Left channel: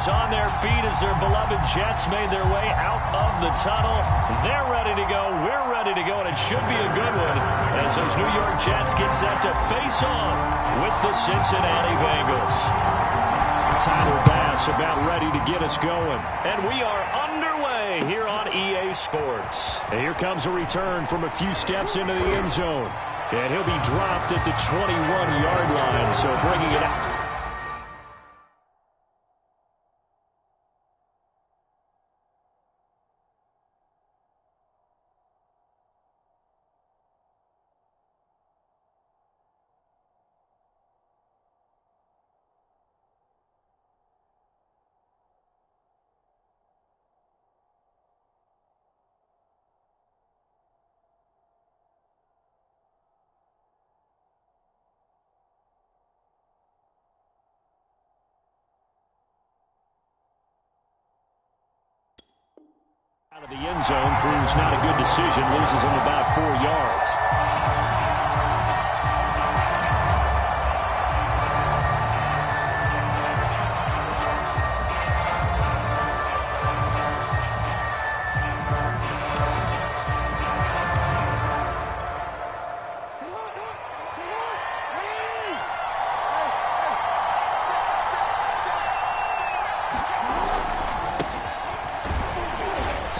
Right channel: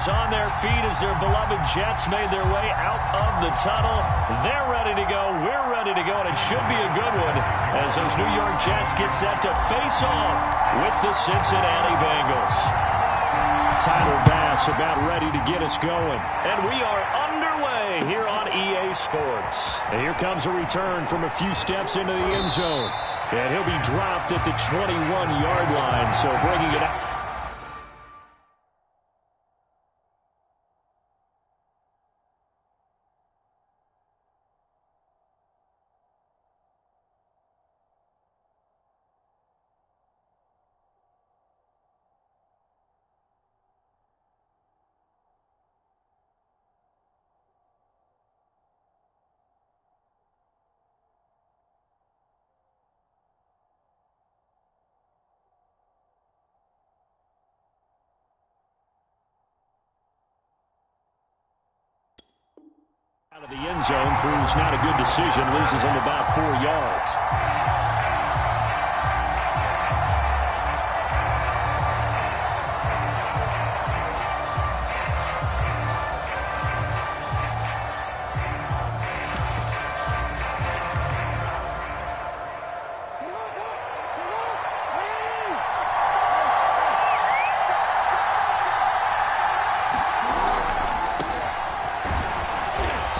is on their feet as their beloved Jets made their way out of the tunnel. They're ready to go. We're ready to go, and it should be a good one as those New York Jets get set to face off with the Cincinnati Bengals. Tyler Bass about ready to get us going. And we are underway here on EA Sports. And here comes a return from a few steps into the end zone. And he'll be dropped at the 21-yard line, so bringing it out. Out of the end zone proves not a good decision. Loses him about 4 yards.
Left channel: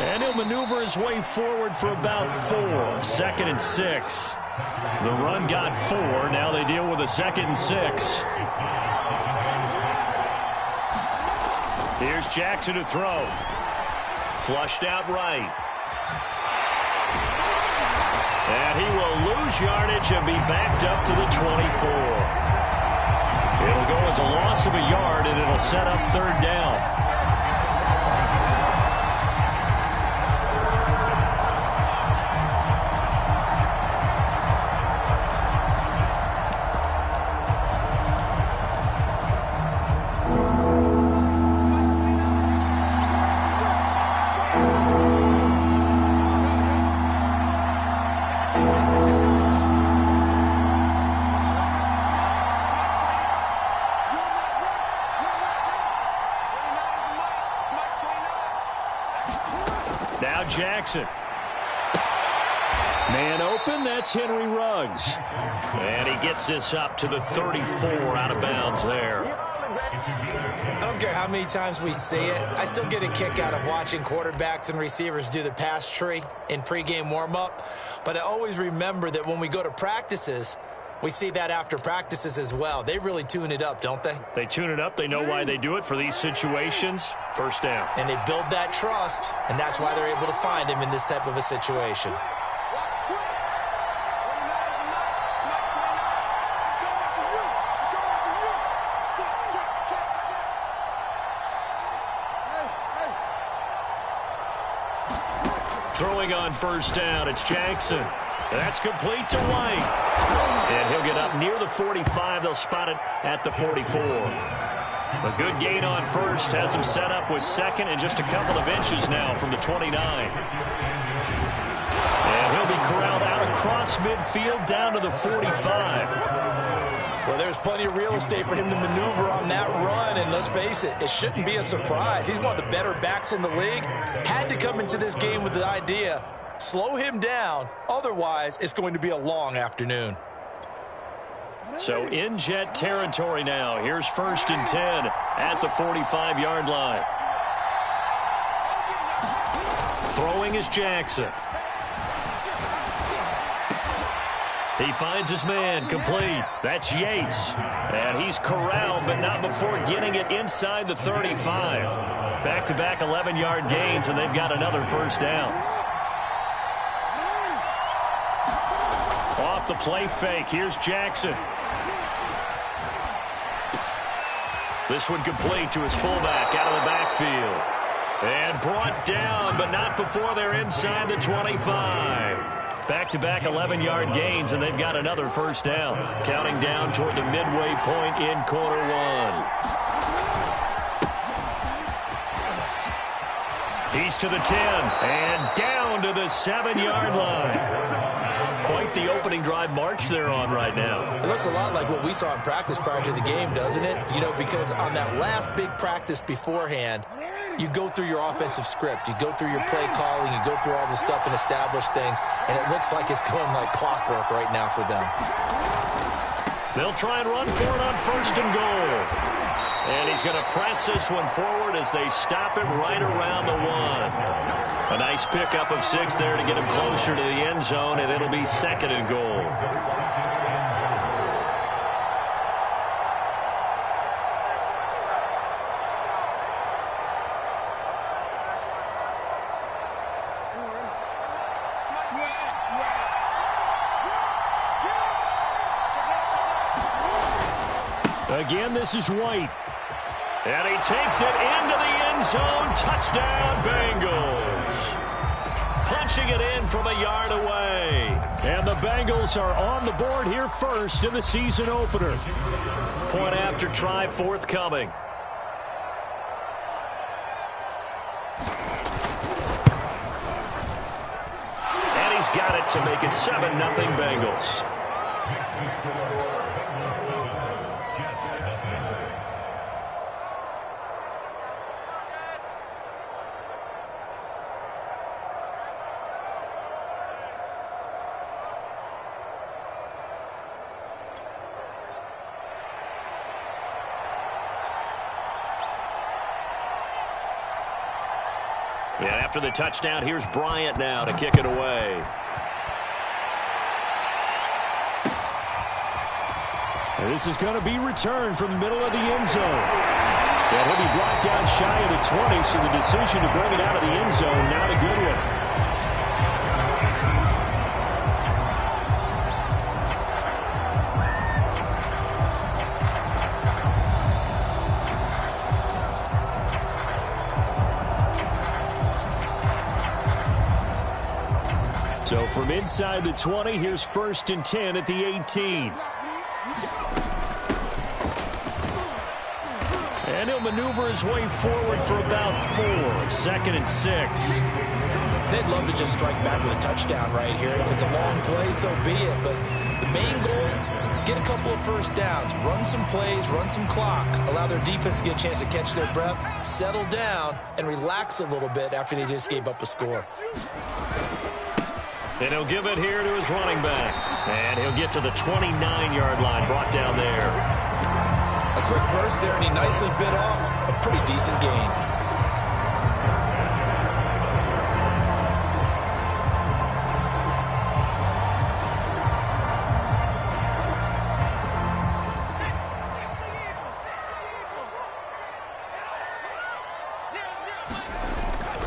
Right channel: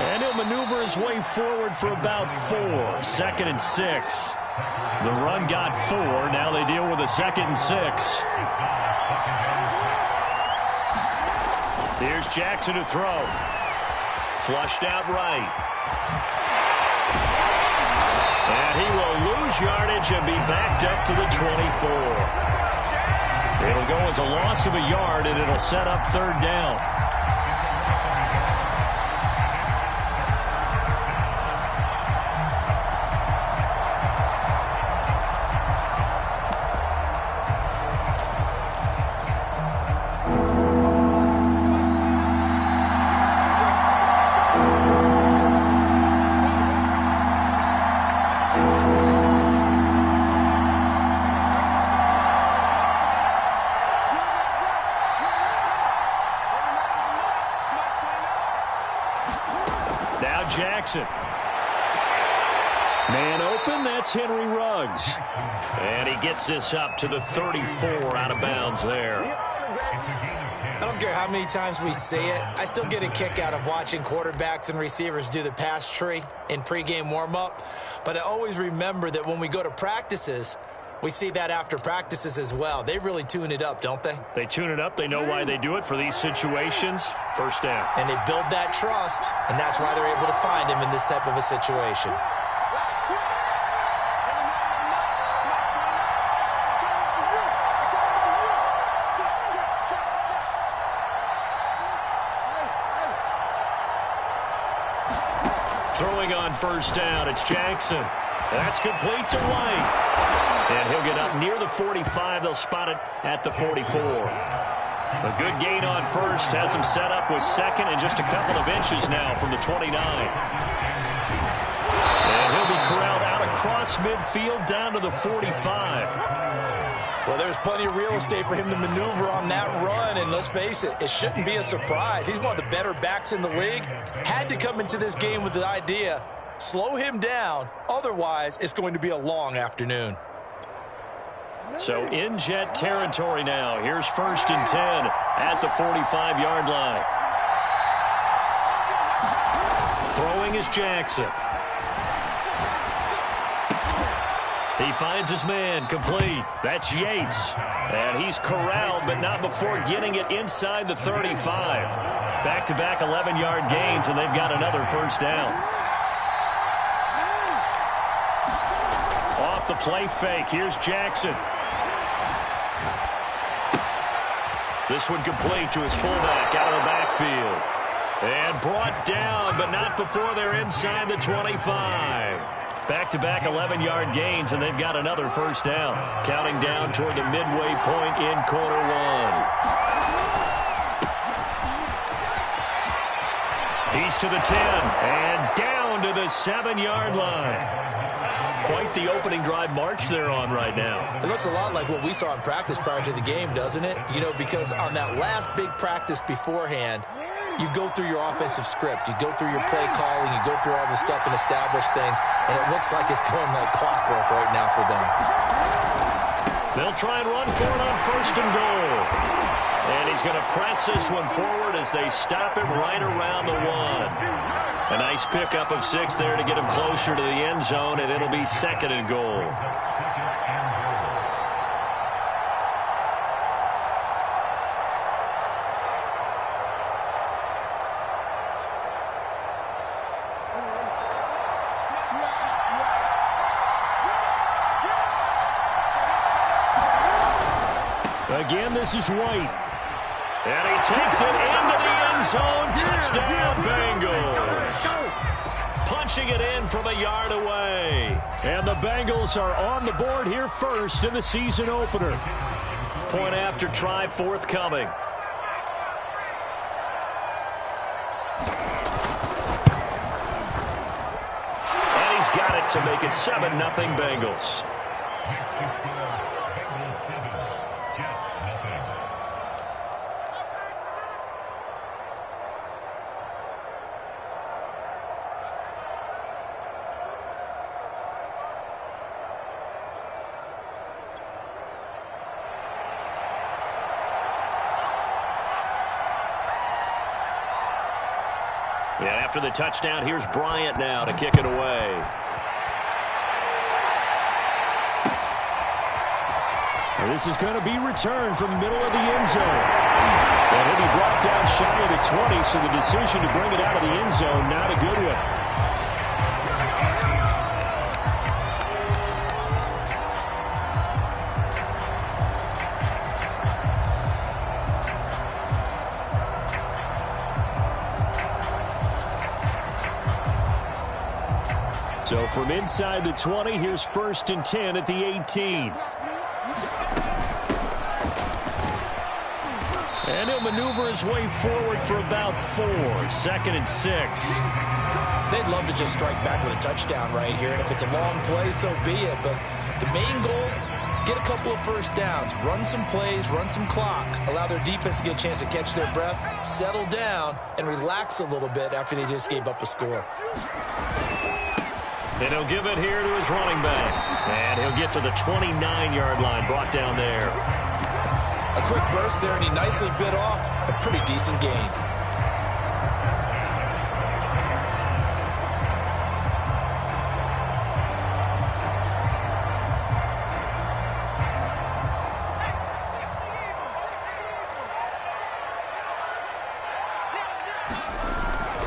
And he'll maneuver his way forward for about 4. 2nd and 6. The run got 4. Now they deal with a 2nd and 6. Here's Jackson to throw. Flushed out right. And he will lose yardage and be backed up to the 24. It'll go as a loss of a yard, and it'll set up 3rd down. Now Jackson. Man open, that's Henry Ruggs. And he gets this up to the 34 out of bounds there. I don't care how many times we see it. I still get a kick out of watching quarterbacks and receivers do the pass tree in pregame warm-up. But I always remember that when we go to practices, we see that after practices as well. They really tune it up, don't they? They tune it up. They know why they do it for these situations. 1st down. And they build that trust, and that's why they're able to find him in this type of a situation. Throwing on 1st down, it's Jackson. That's complete to White. And he'll get up near the 45. They'll spot it at the 44. A good gain on 1st has him set up with 2nd and just a couple of inches now from the 29. And he'll be corralled out across midfield down to the 45. Well, there's plenty of real estate for him to maneuver on that run, and let's face it, it shouldn't be a surprise. He's one of the better backs in the league. Had to come into this game with the idea, slow him down, otherwise it's going to be a long afternoon. So in Jet territory now. Here's 1st and 10 at the 45-yard line. Throwing is Jackson. He finds his man, complete. That's Yates. And he's corralled, but not before getting it inside the 35. Back-to-back 11-yard gains, and they've got another 1st down. Off the play fake, here's Jackson. This one complete to his fullback out of the backfield. And brought down, but not before they're inside the 25. Back-to-back 11-yard gains, and they've got another 1st down. Counting down toward the midway point in quarter 1. He's to the 10, and down to the 7-yard line. Quite the opening drive march they're on right now. It looks a lot like what we saw in practice prior to the game, doesn't it? You know, because on that last big practice beforehand, you go through your offensive script. You go through your play calling. You go through all the stuff and establish things. And it looks like it's going like clockwork right now for them. They'll try and run for it on 1st and goal. And he's going to press this one forward as they stop him right around the 1. A nice pickup of 6 there to get him closer to the end zone, and it'll be 2nd and goal. Again, this is White. And he takes it into the end zone. Touchdown, Bengals. Punching it in from a yard away. And the Bengals are on the board here first in the season opener. Point after try forthcoming. And he's got it to make it 7-0 Bengals. And after the touchdown, here's Bryant now to kick it away. And this is going to be returned from the middle of the end zone. And he'll be brought down shy of the 20, so the decision to bring it out of the end zone, not a good one. So from inside the 20, here's 1st and 10 at the 18. And he'll maneuver his way forward for about 4. 2nd and 6. They'd love to just strike back with a touchdown right here. And if it's a long play, so be it. But the main goal, get a couple of first downs, run some plays, run some clock, allow their defense to get a chance to catch their breath, settle down, and relax a little bit after they just gave up a score. And he'll give it here to his running back. And he'll get to the 29-yard line, brought down there. A quick burst there, and he nicely bit off a pretty decent gain.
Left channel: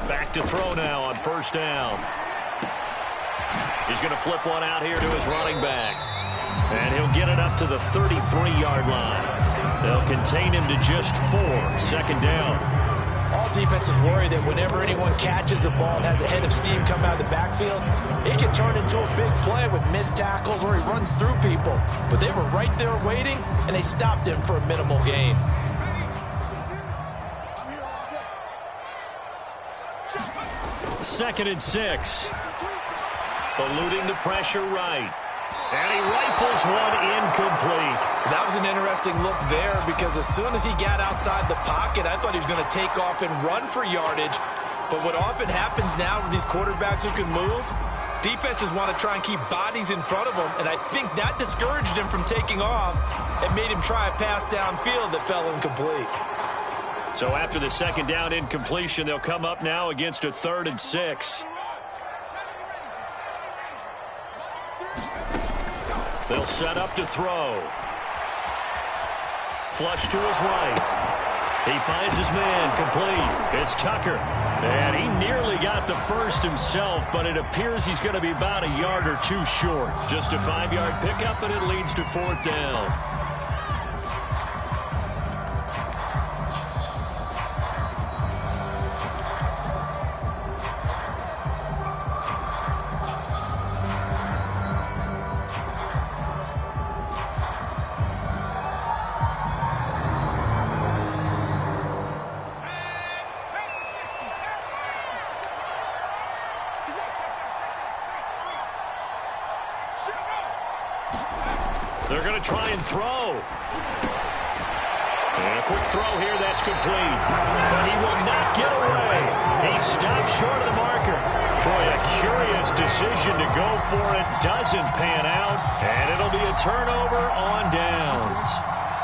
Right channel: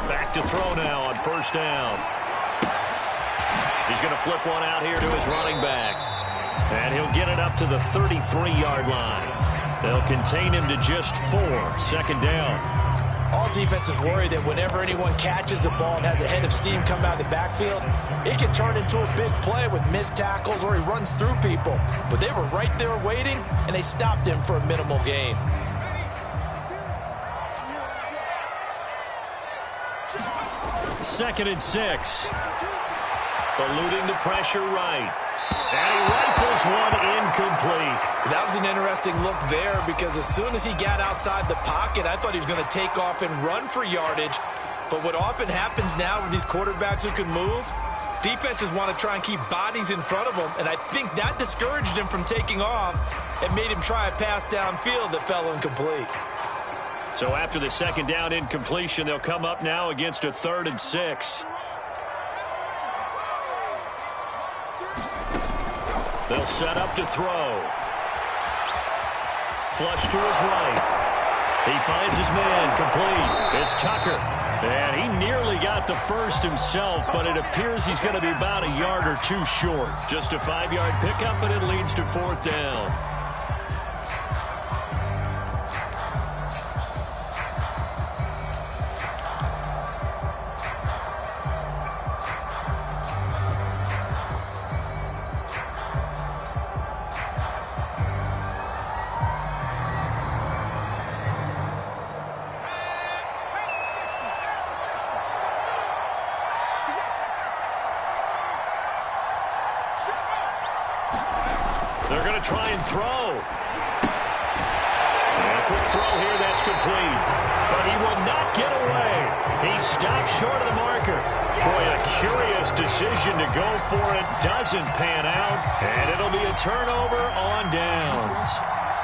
Back to throw now on 1st down. He's going to flip one out here to his running back. And he'll get it up to the 33-yard line. They'll contain him to just 4. 2nd down. All defenses worry that whenever anyone catches the ball and has a head of steam come out of the backfield, it can turn into a big play with missed tackles or he runs through people. But they were right there waiting, and they stopped him for a minimal gain. Second and 6. Eluding the pressure right. And he rifles one incomplete. That was an interesting look there because as soon as he got outside the pocket, I thought he was going to take off and run for yardage. But what often happens now with these quarterbacks who can move, defenses want to try and keep bodies in front of them, and I think that discouraged him from taking off and made him try a pass downfield that fell incomplete. So after the 2nd down incompletion, they'll come up now against a 3rd and 6. They'll set up to throw. Flush to his right. He finds his man complete. It's Tucker. And he nearly got the first himself, but it appears he's going to be about a yard or 2 short. Just a 5-yard pickup, and it leads to 4th down. They're going to try and throw. And a quick throw here, that's complete. But he will not get away. He stopped short of the marker. Boy, a curious decision to go for it. Doesn't pan out. And it'll be a turnover on downs.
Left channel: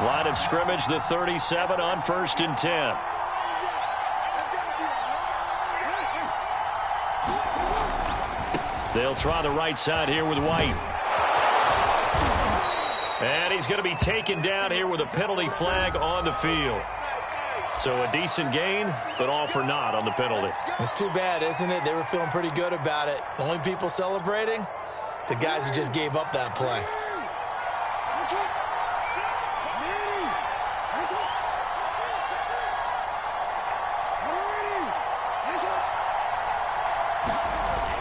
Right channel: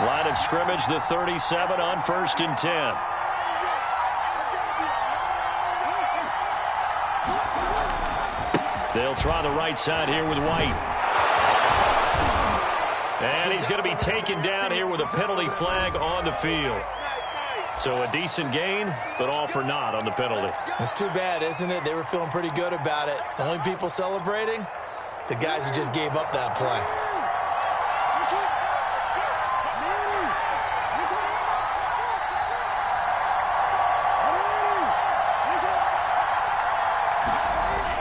Line of scrimmage, the 37 on 1st and 10. They'll try the right side here with White. And he's going to be taken down here with a penalty flag on the field. So a decent gain, but all for naught on the penalty. It's too bad, isn't it? They were feeling pretty good about it. The only people celebrating, the guys who just gave up that play.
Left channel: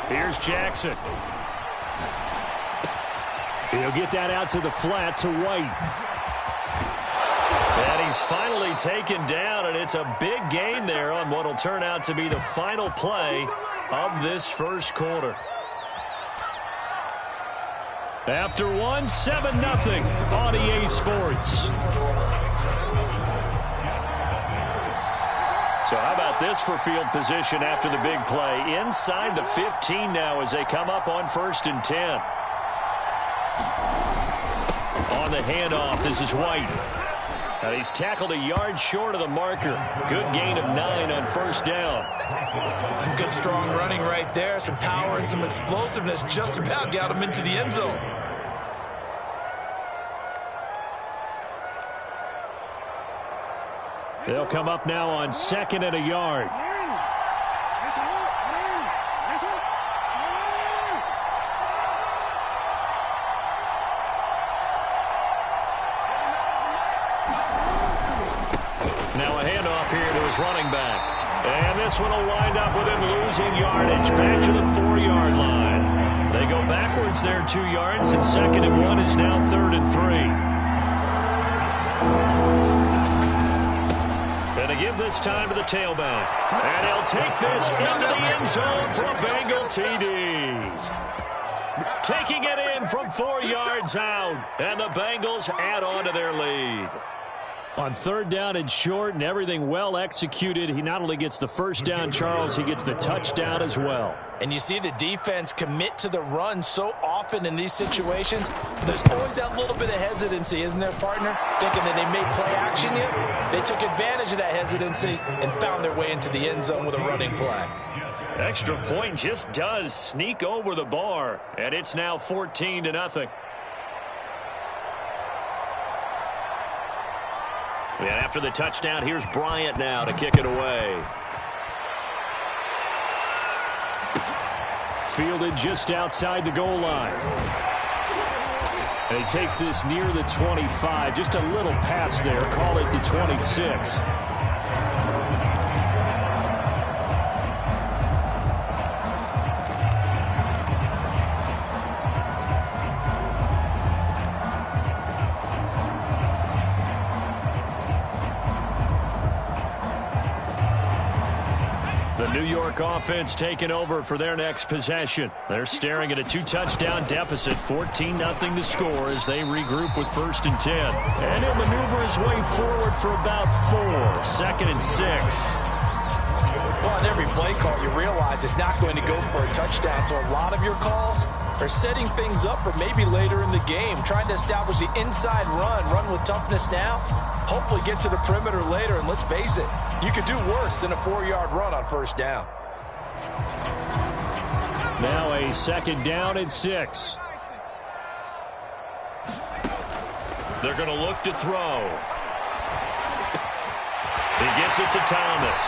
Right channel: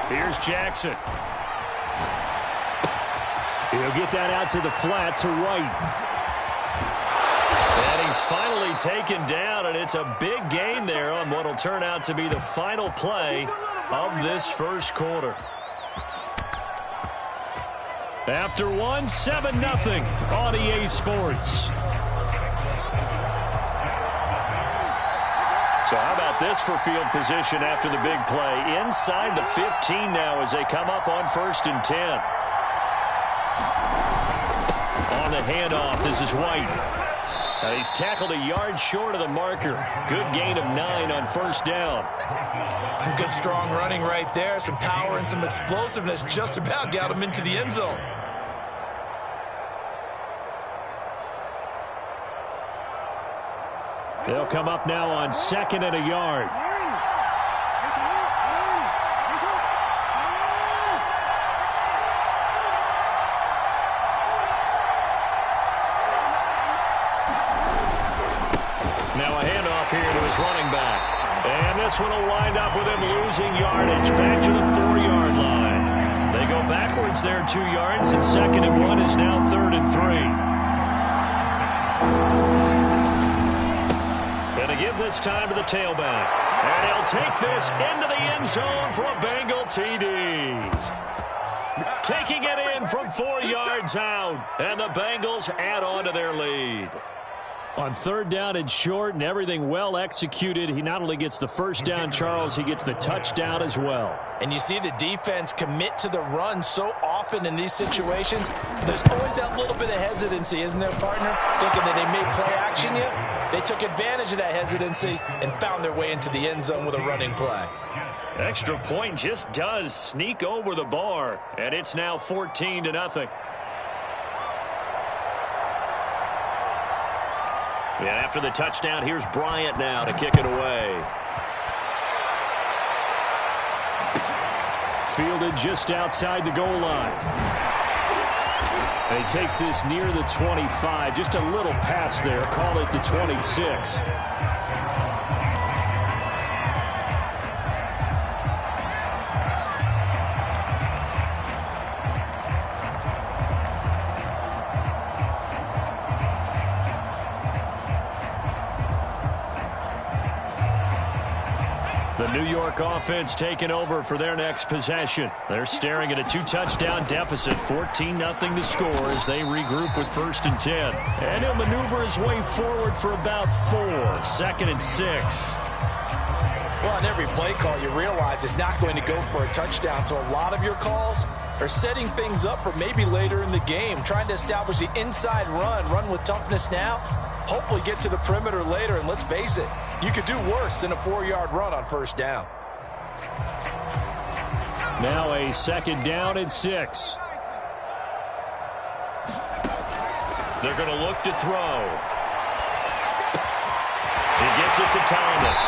Here's Jackson. He'll get that out to the flat to White. And he's finally taken down, and it's a big gain there on what will turn out to be the final play of this first quarter. After one, 7-0 on EA Sports. So how about this for field position after the big play? Inside the 15 now as they come up on 1st and 10. On the handoff, this is White. Now he's tackled a yard short of the marker. Good gain of 9 on 1st down. Some good strong running right there. Some power and some explosiveness just about got him into the end zone. They'll come up now on 2nd and a yard. Now a handoff here to his running back. And this one will wind up with him losing yardage back to the 4-yard line. They go backwards there 2 yards, and 2nd and 1 is now 3rd and 3. And to give this time to the tailback. And he'll take this into the end zone for a Bengal TD. Taking it in from 4 yards out. And the Bengals add on to their lead. On 3rd down and short and everything well executed, he not only gets the first down, Charles, he gets the touchdown as well. And you see the defense commit to the run so often in these situations. There's always that little bit of hesitancy, isn't there, partner? Thinking that they may play action you. They took advantage of that hesitancy and found their way into the end zone with a running play. Extra point just does sneak over the bar, and it's now 14-0. And after the touchdown, here's Bryant now to kick it away. Fielded just outside the goal line. And he takes this near the 25. Just a little pass there. Call it the 26. The New York offense taking over for their next possession. They're staring at a 2-touchdown deficit, 14-0 to score as they regroup with 1st and 10. And he'll maneuver his way forward for about 4, 2nd and 6. Well, on every play call, you realize it's not going to go for a touchdown, so a lot of your calls are setting things up for maybe later in the game, trying to establish the inside run with toughness now, hopefully get to the perimeter later, and let's face it, you could do worse than a 4-yard run on 1st down. Now a 2nd down and 6. They're going to look to throw. He gets it to Thomas.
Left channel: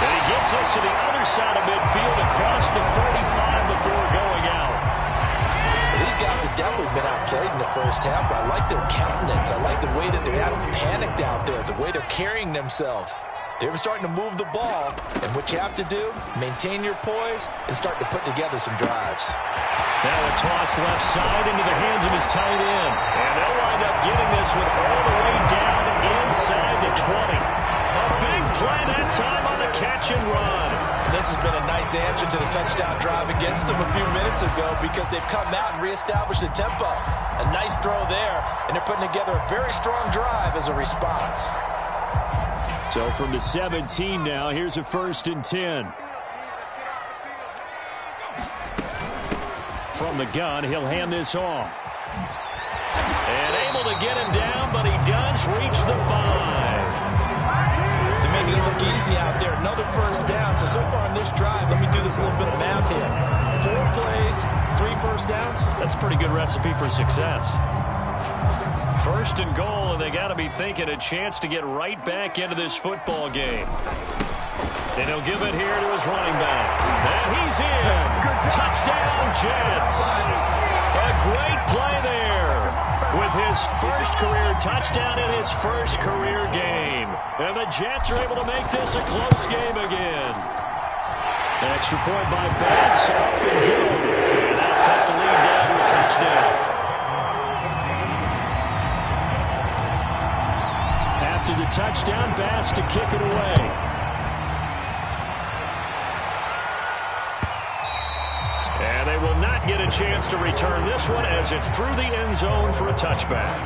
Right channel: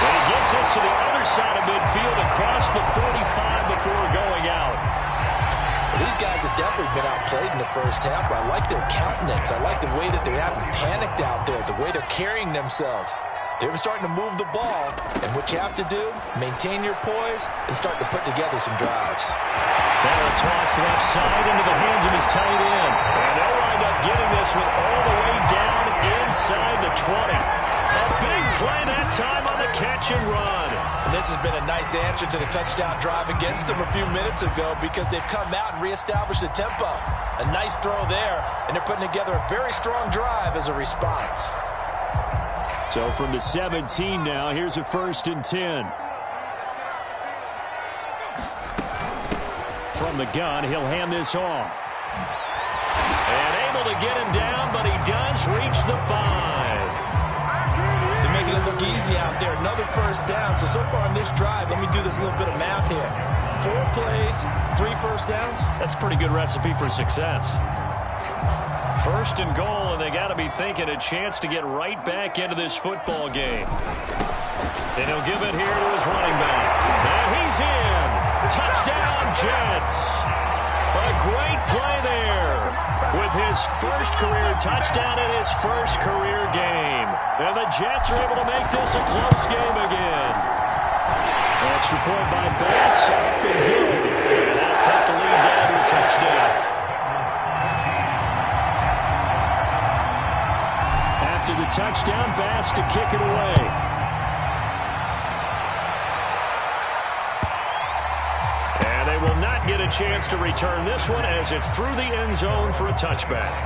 And he gets this to the other side of midfield across the 45 before going out. These guys have definitely been outplayed in the first half, but I like their countenance. I like the way that they haven't panicked out there, the way they're carrying themselves. They're starting to move the ball, and what you have to do, maintain your poise and start to put together some drives. Now a toss left side into the hands of his tight end. And they'll wind up getting this one all the way down inside the 20. A big play that time on the catch and run. And this has been a nice answer to the touchdown drive against them a few minutes ago because they've come out and reestablished the tempo. A nice throw there, and they're putting together a very strong drive as a response. So from the 17 now, here's a 1st and 10. From the gun, he'll hand this off. And able to get him down, but he does reach the 5. They're making it look easy out there. Another 1st down. So far on this drive, let me do this little bit of math here. 4 plays, 3 1st downs. That's a pretty good recipe for success. 1st and goal, and they got to be thinking a chance to get right back into this football game. And he'll give it here to his running back. And he's in. Touchdown, Jets. A great play there with his 1st career touchdown in his 1st career game. And the Jets are able to make this a close game again. Extra point by Bass, up and good. And that'll cut the lead down to a touchdown. After the touchdown, Bass to kick it away. And they will not get a chance to return this one as it's through the end zone for a touchback.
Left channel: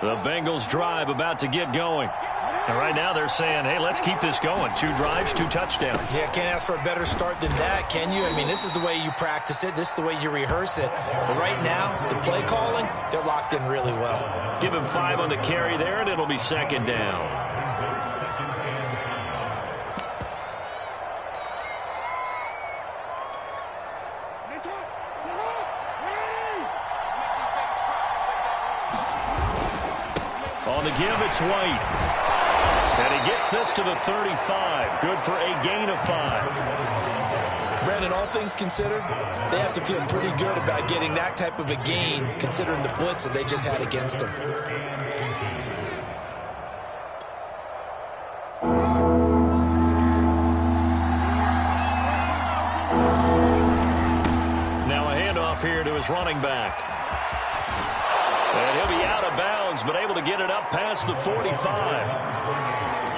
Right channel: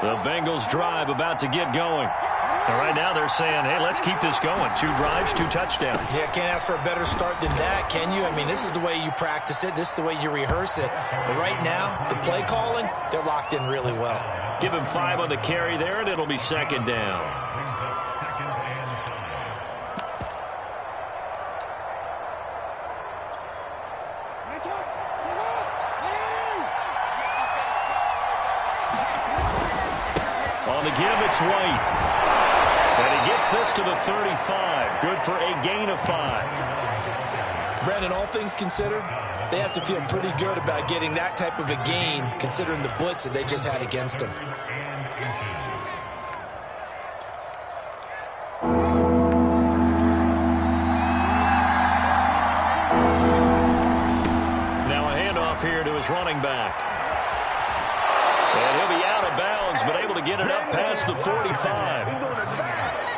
The Bengals drive about to get going. And right now they're saying, hey, let's keep this going. 2 drives, 2 touchdowns. Yeah, can't ask for a better start than that, can you? I mean, this is the way you practice it. This is the way you rehearse it. But right now, the play calling, they're locked in really well. Give him 5 on the carry there, and it'll be 2nd down. On the give, it's White. And he gets this to the 35. Good for a gain of 5. Brandon, all things considered, they have to feel pretty good about getting that type of a gain, considering the blitz that they just had against them. Now a handoff here to his running back. And he'll be out of bounds, but able to get it up past the 45.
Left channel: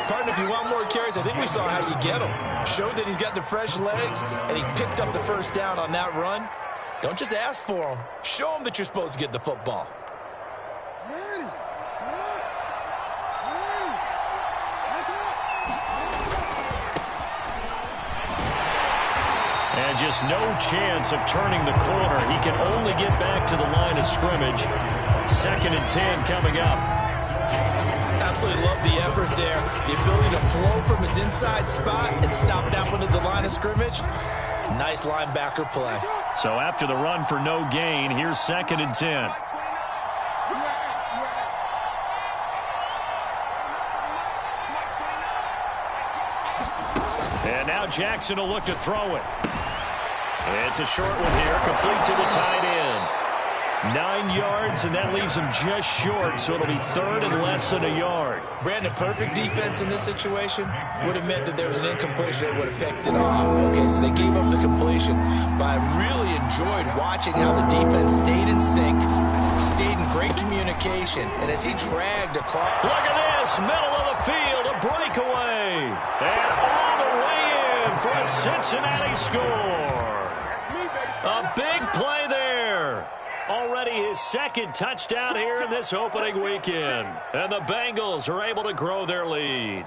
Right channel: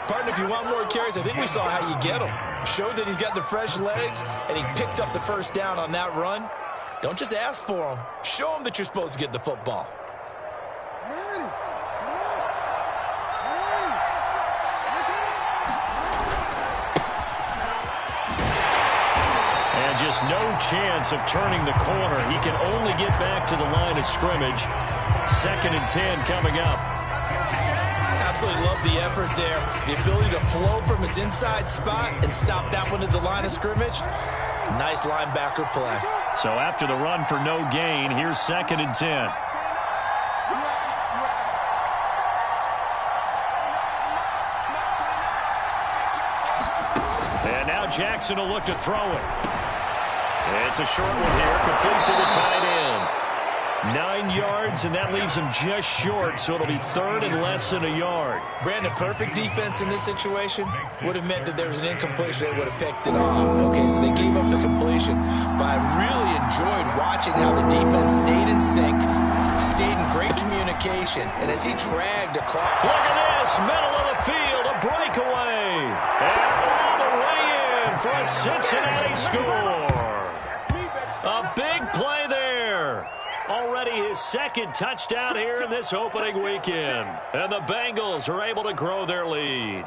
Partner, if you want more carries, I think we saw how you get him. Showed that he's got the fresh legs, and he picked up the 1st down on that run. Don't just ask for him. Show him that you're supposed to get the football. And just no chance of turning the corner. He can only get back to the line of scrimmage. 2nd and 10 coming up. Absolutely love the effort there. The ability to flow from his inside spot and stop that one at the line of scrimmage. Nice linebacker play. So after the run for no gain, here's 2nd and 10. And now Jackson will look to throw it. It's a short one here, complete to the tight end. 9 yards, and that leaves him just short, so it'll be 3rd and less than a yard. Brandon, perfect defense in this situation would have meant that there was an incompletion. They would have picked it off. Okay, so they gave up the completion. But I really enjoyed watching how the defense stayed in sync, stayed in great communication, and as he dragged across. Look at this, middle of the field, a breakaway. And all the way in for a Cincinnati score. A big play there. Already his 2nd touchdown here in this opening weekend. And the Bengals are able to grow their lead.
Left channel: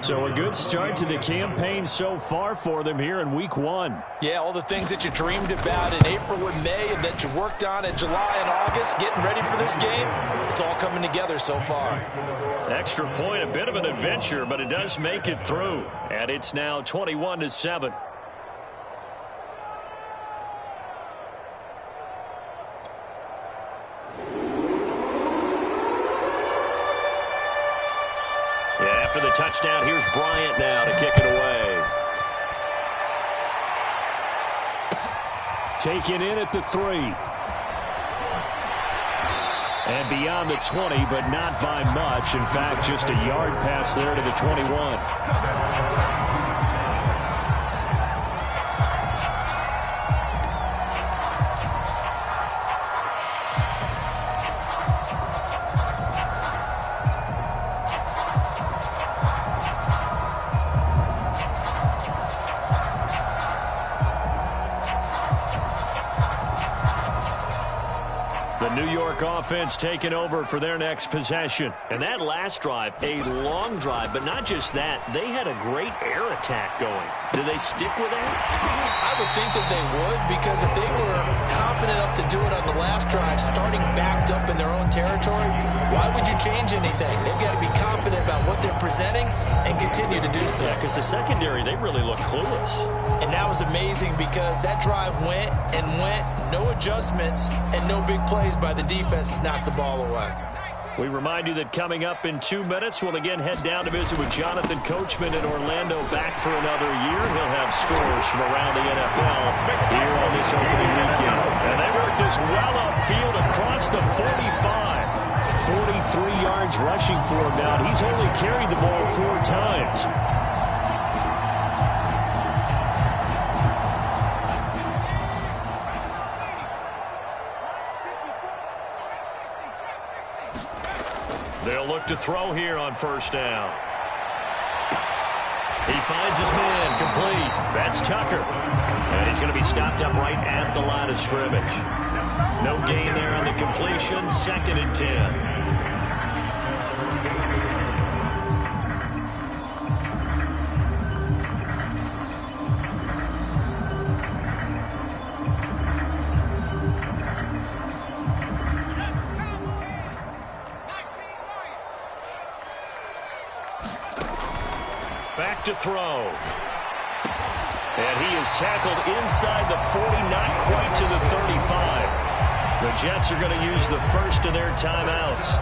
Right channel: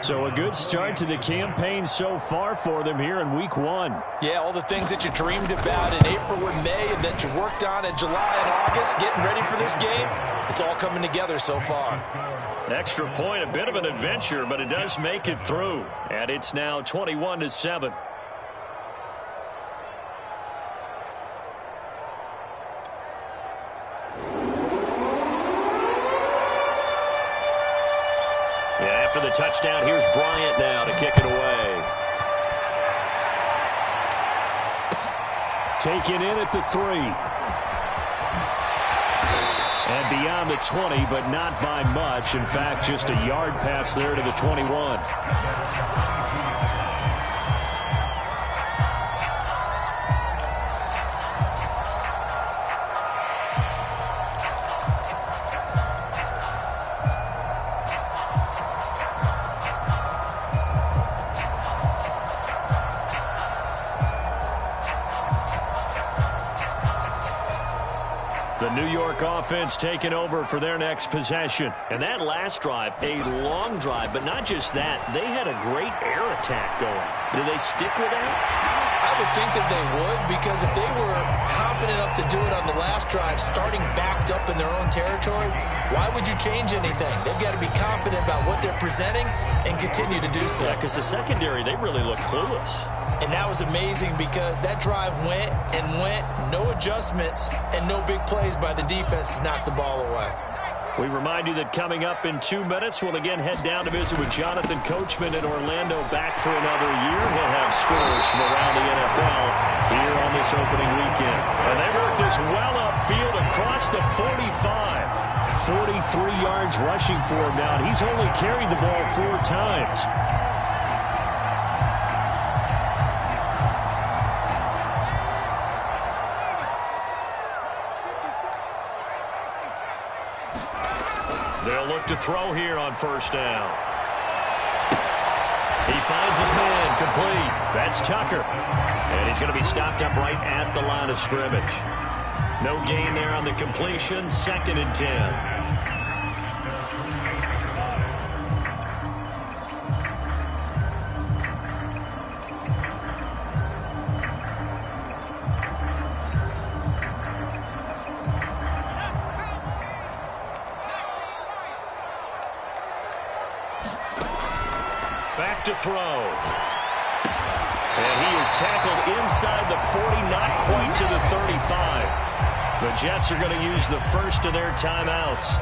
So a good start to the campaign so far for them here in week 1. Yeah, all the things that you dreamed about in April and May and that you worked on in July and August, getting ready for this game, it's all coming together so far. Extra point, a bit of an adventure, but it does make it through. And it's now 21-7. After the touchdown, here's Bryant now to kick it away. Taken in at the 3. And beyond the 20, but not by much. In fact, just a yard pass there to the 21. The New York offense taking over for their next possession. And that last drive, a long drive, but not just that. They had a great air attack going. Do they stick with that? I would think that they would, because if they were confident enough to do it on the last drive, starting backed up in their own territory, why would you change anything? They've got to be confident about what they're presenting and continue to do so. Yeah, because the secondary, they really look clueless. And that was amazing because that drive went and went, no adjustments and no big plays by the defense to knock the ball away. We remind you that coming up in 2 minutes, we'll again head down to visit with Jonathan Coachman in Orlando, back for another year. He'll have scores from around the NFL here on this opening weekend. And they work this well upfield across the 45. 43 yards rushing for him now. He's only carried the ball 4 times. They'll look to throw here on first down. He finds his man, complete. That's Tucker. And he's going to be stopped up right at the line of scrimmage. No gain there on the completion. 2nd and 10. Back to throw. And he is tackled inside the 40, not quite to the 35. The Jets are going to use the first of their timeouts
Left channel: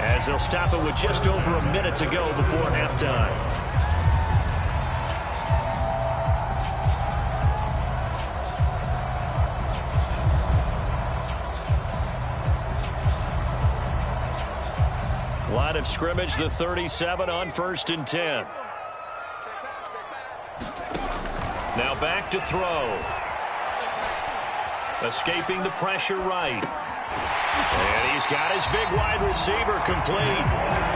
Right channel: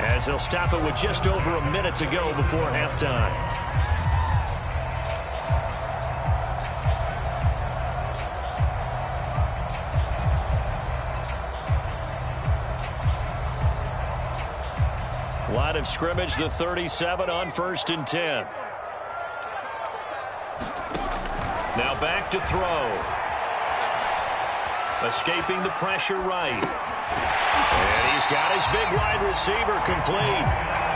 as they'll stop it with just over a minute to go before halftime. Line of scrimmage, the 37 on 1st and 10. Now back to throw. Escaping the pressure right. And he's got his big wide receiver complete.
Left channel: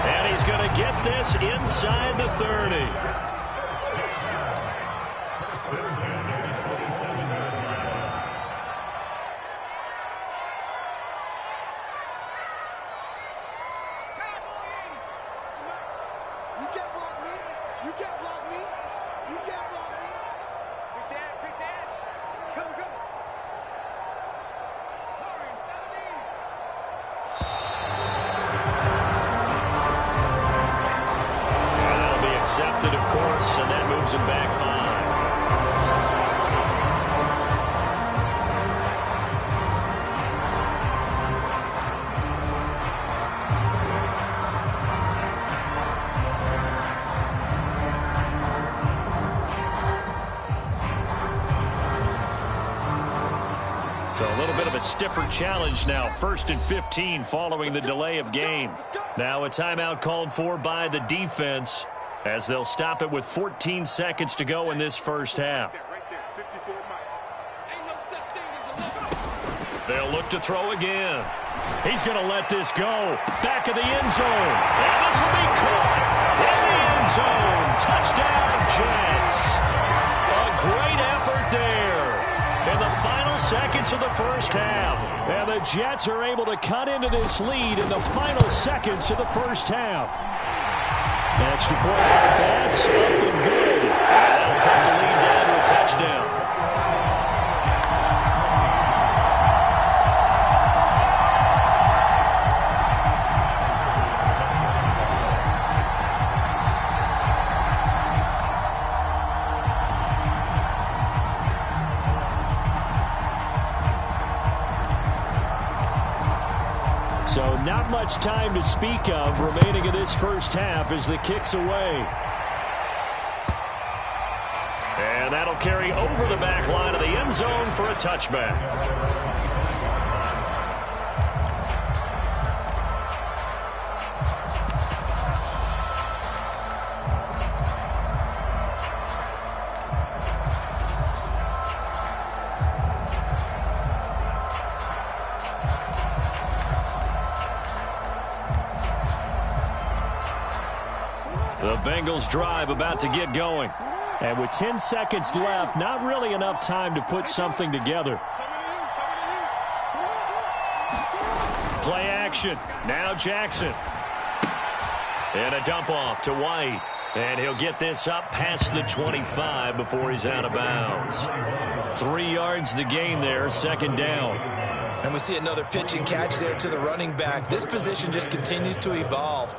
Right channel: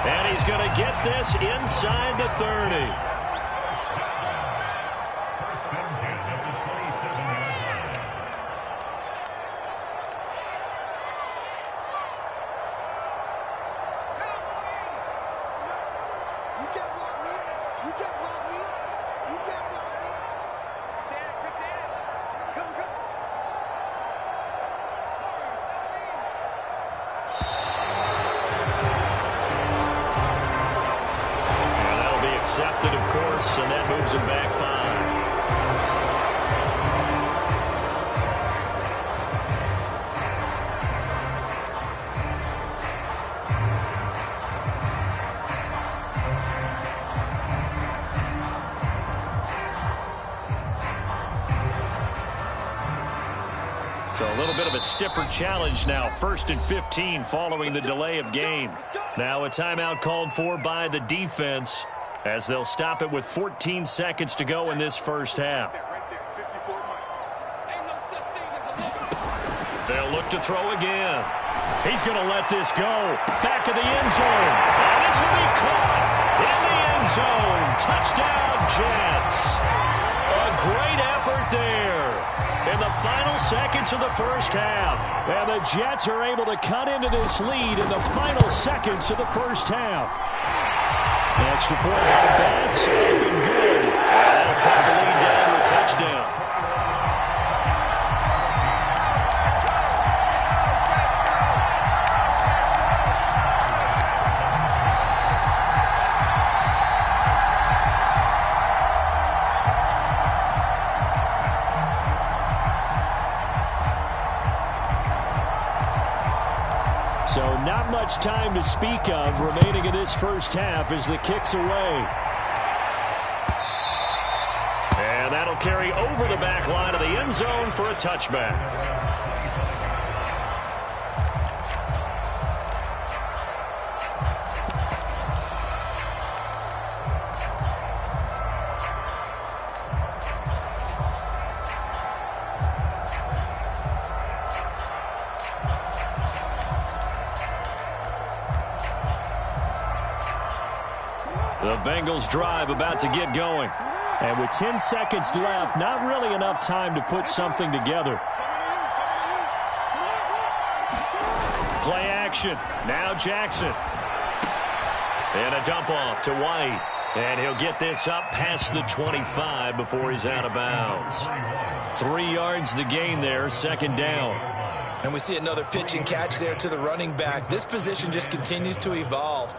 And he's going to get this inside the 30. Accepted, of course, and that moves him back 5. So a little bit of a stiffer challenge now. 1st and 15 following the delay of game. Now a timeout called for by the defense, as they'll stop it with 14 seconds to go in this first half. They'll look to throw again. He's going to let this go. Back of the end zone. And this will be caught in the end zone. Touchdown, Jets. A great effort there in the final seconds of the first half. And the Jets are able to cut into this lead in the final seconds of the first half. Extra point by Bass, up and good. And that'll cut the lead down to a touchdown. So not much time to speak of remaining in this first half as the kick's away. And that'll carry over the back line of the end zone for a touchback. The Bengals drive about to get going. And with 10 seconds left, not really enough time to put something together. Play action. Now Jackson. And a dump off to White. And he'll get this up past the 25 before he's out of bounds. 3 yards the gain there, second down. And we see another pitch and catch there to the running back. This position just continues to evolve.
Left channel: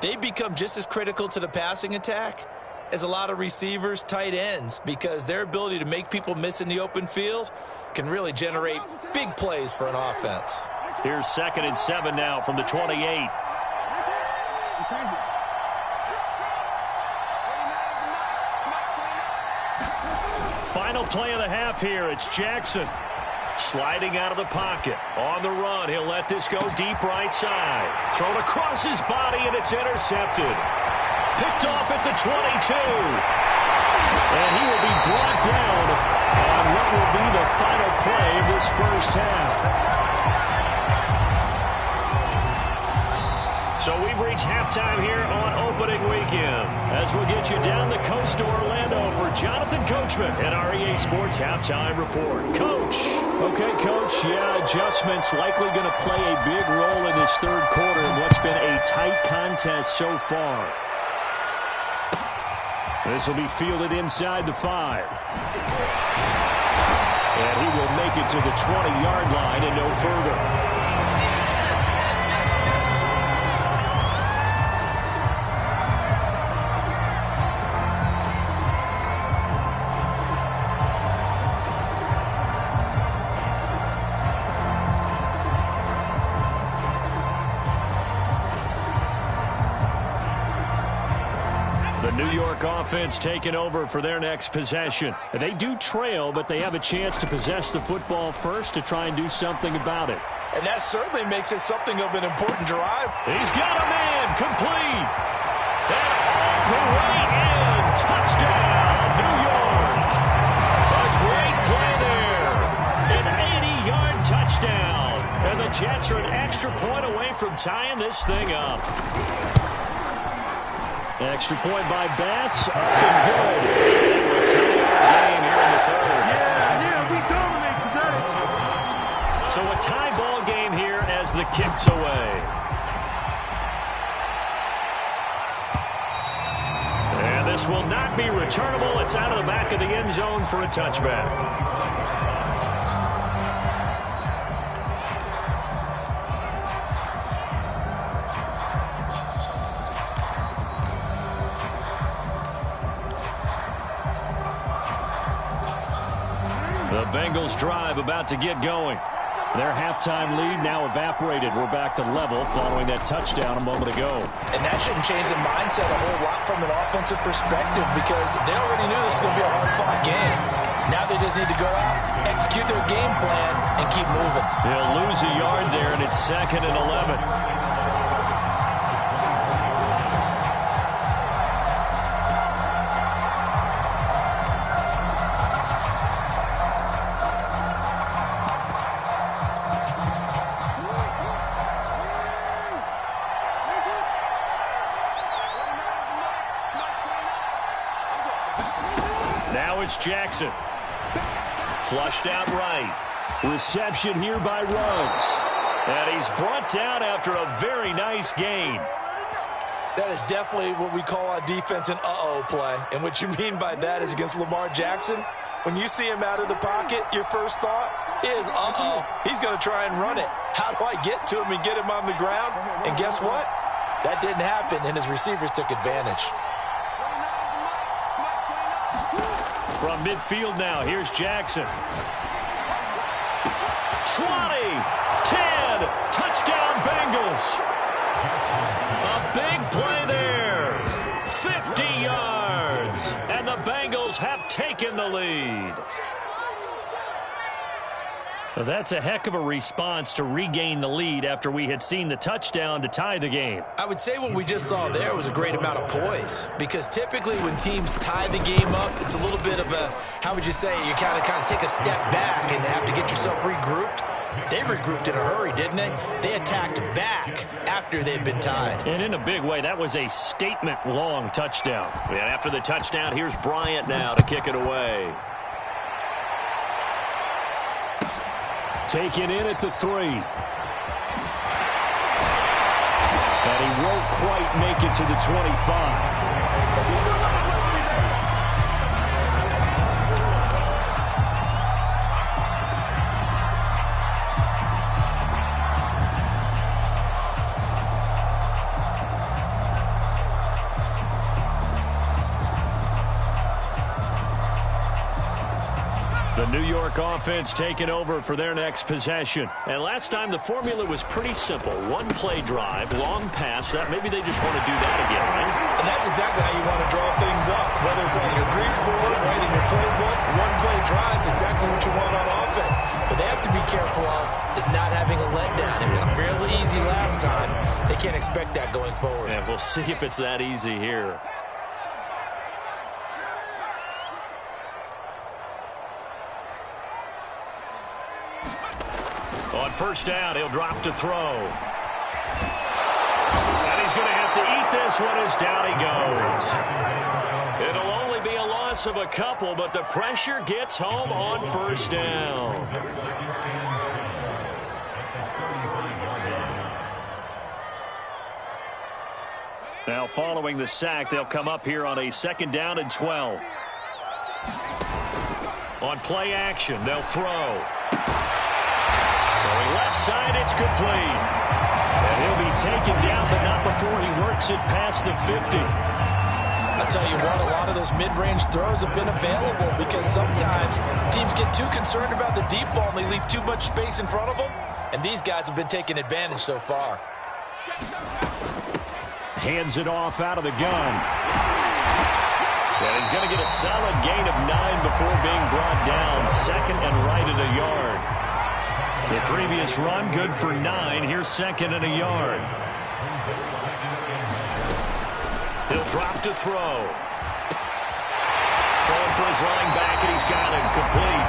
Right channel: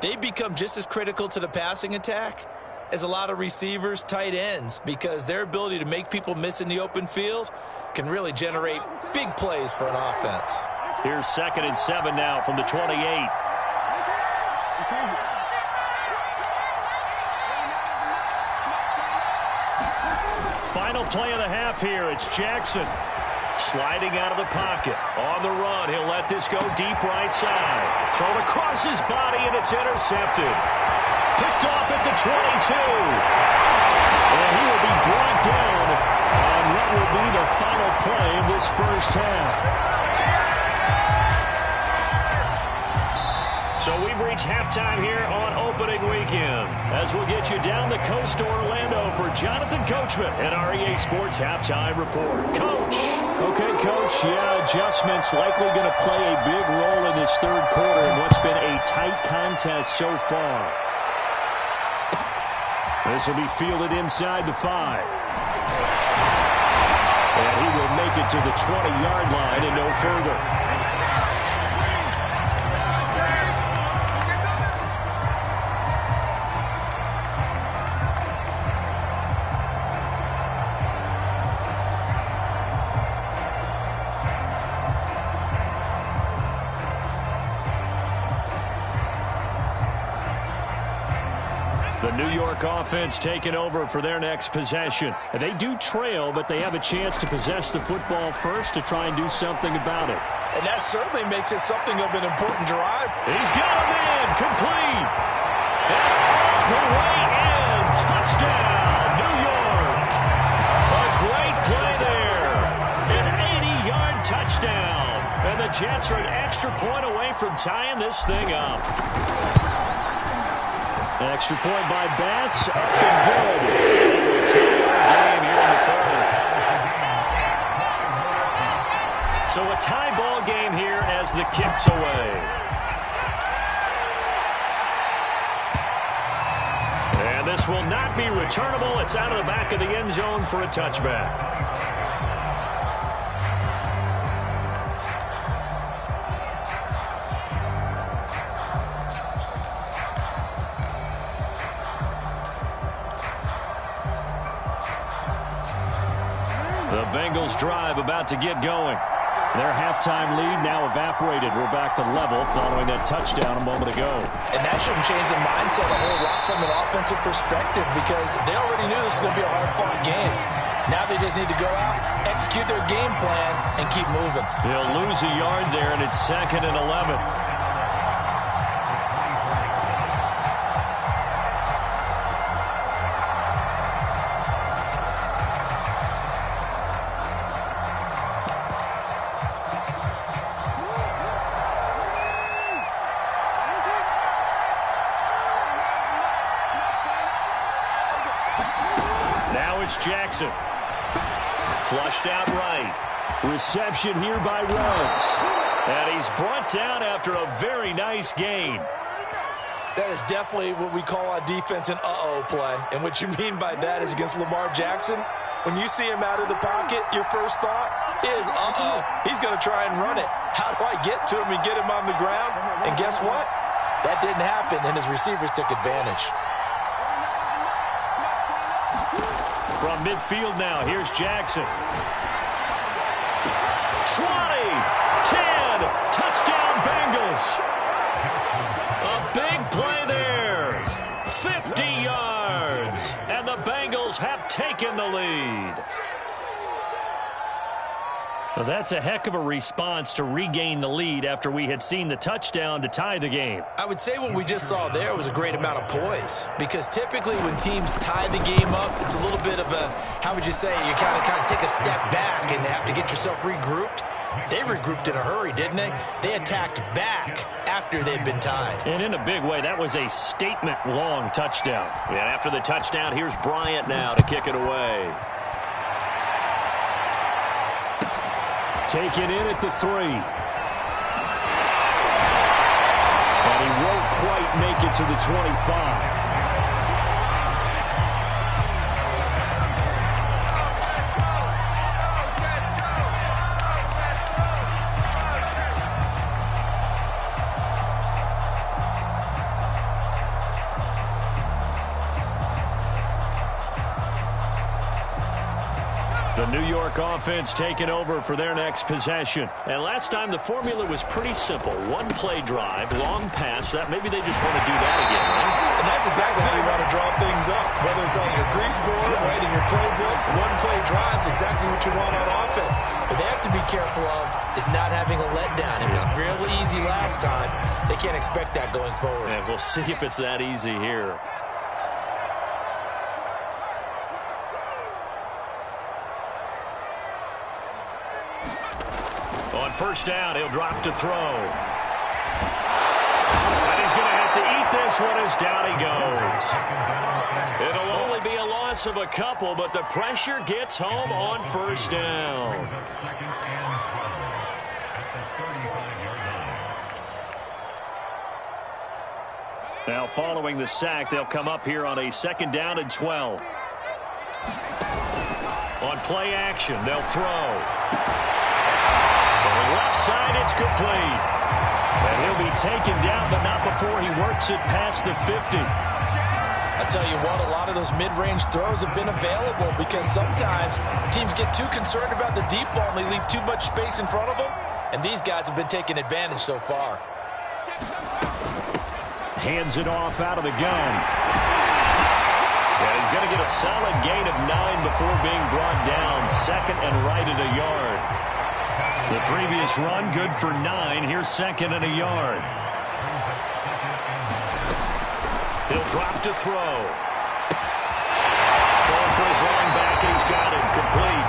They become just as critical to the passing attack as a lot of receivers, tight ends, because their ability to make people miss in the open field can really generate big plays for an offense. Here's 2nd and 7 now from the 28. Final play of the half here. It's Jackson sliding out of the pocket. On the run, he'll let this go deep right side. Thrown across his body, and it's intercepted. Picked off at the 22. And he will be brought down on what will be the final play of this first half. So we've reached halftime here on opening weekend, as we'll get you down the coast to Orlando for Jonathan Coachman and our EA Sports Halftime Report. Coach. Okay, Coach, yeah, adjustments likely going to play a big role in this third quarter in what's been a tight contest so far. This will be fielded inside the 5. And he will make it to the 20-yard line and no further. The New York offense taking over for their next possession. They do trail, but they have a chance to possess the football first to try and do something about it. And that certainly makes it something of an important drive. He's got him in, complete. And all the way in. Touchdown, New York. A great play there. An 80-yard touchdown. And the Jets are an extra point away from tying this thing up. Extra point by Bass, up and good. That will tie our game here in the third. So a tie ball game here as the kick's away. And this will not be returnable. It's out of the back of the end zone for a touchback. The Bengals drive about to get going. Their halftime lead now evaporated. We're back to level following that touchdown a moment ago. And that shouldn't change the mindset a whole lot from an offensive perspective, because they already knew this was going to be a hard-fought game. Now they just need to go out, execute their game plan, and keep moving. He'll lose a yard there, and it's 2nd and 11. Now it's Jackson. Flushed out right. Reception here by Ruggs. And he's brought down after a very nice gain. That is definitely what we call on defense an uh-oh play. And what you mean by that is against Lamar Jackson, when you see him out of the pocket, your first thought is, uh-oh, he's going to try and run it. How do I get to him and get him on the ground? And guess what? That didn't happen, and his receivers took advantage. From midfield now, here's Jackson. 20, 10, touchdown Bengals. A big play there. 50 yards, and the Bengals have taken the lead. Well, that's a heck of a response to regain the lead after we had seen the touchdown to tie the game. I would say what we just saw there was a great amount of poise, because typically when teams tie the game up, it's a little bit of a, how would you say, you kind of take a step back and have to get yourself regrouped. They regrouped in a hurry, didn't they? They attacked back after they'd been tied. And in a big way, that was a statement-long touchdown. And after the touchdown, here's Bryant now to kick it away. Taken in at the 3. And he won't quite make it to the 25. The New York offense taking over for their next possession. And last time the formula was pretty simple. One-play drive, long pass. That maybe they just want to do that again, right? And that's exactly how you want to draw things up. Whether it's on your grease board, right, in your playbook, one-play drive is exactly what you want on offense. What they have to be careful of is not having a letdown. It was real easy last time. They can't expect that going forward. And we'll see if it's that easy here. On first down, he'll drop to throw. And he's going to have to eat this one as down he goes. It'll only be a loss of a couple, but the pressure gets home on first down. Now following the sack, they'll come up here on a 2nd down and 12. On play action, they'll throw. Throwing left side, it's complete. And he'll be taken down, but not before he works it past the 50. I'll tell you what, a lot of those mid-range throws have been available because sometimes teams get too concerned about the deep ball and they leave too much space in front of them. And these guys have been taking advantage so far. Hands it off out of the gun. And he's going to get a solid gain of 9 before being brought down. 2nd and right at a yard. The previous run, good for 9. Here's 2nd and a yard. He'll drop to throw. Throwing for his running back, and he's got him complete.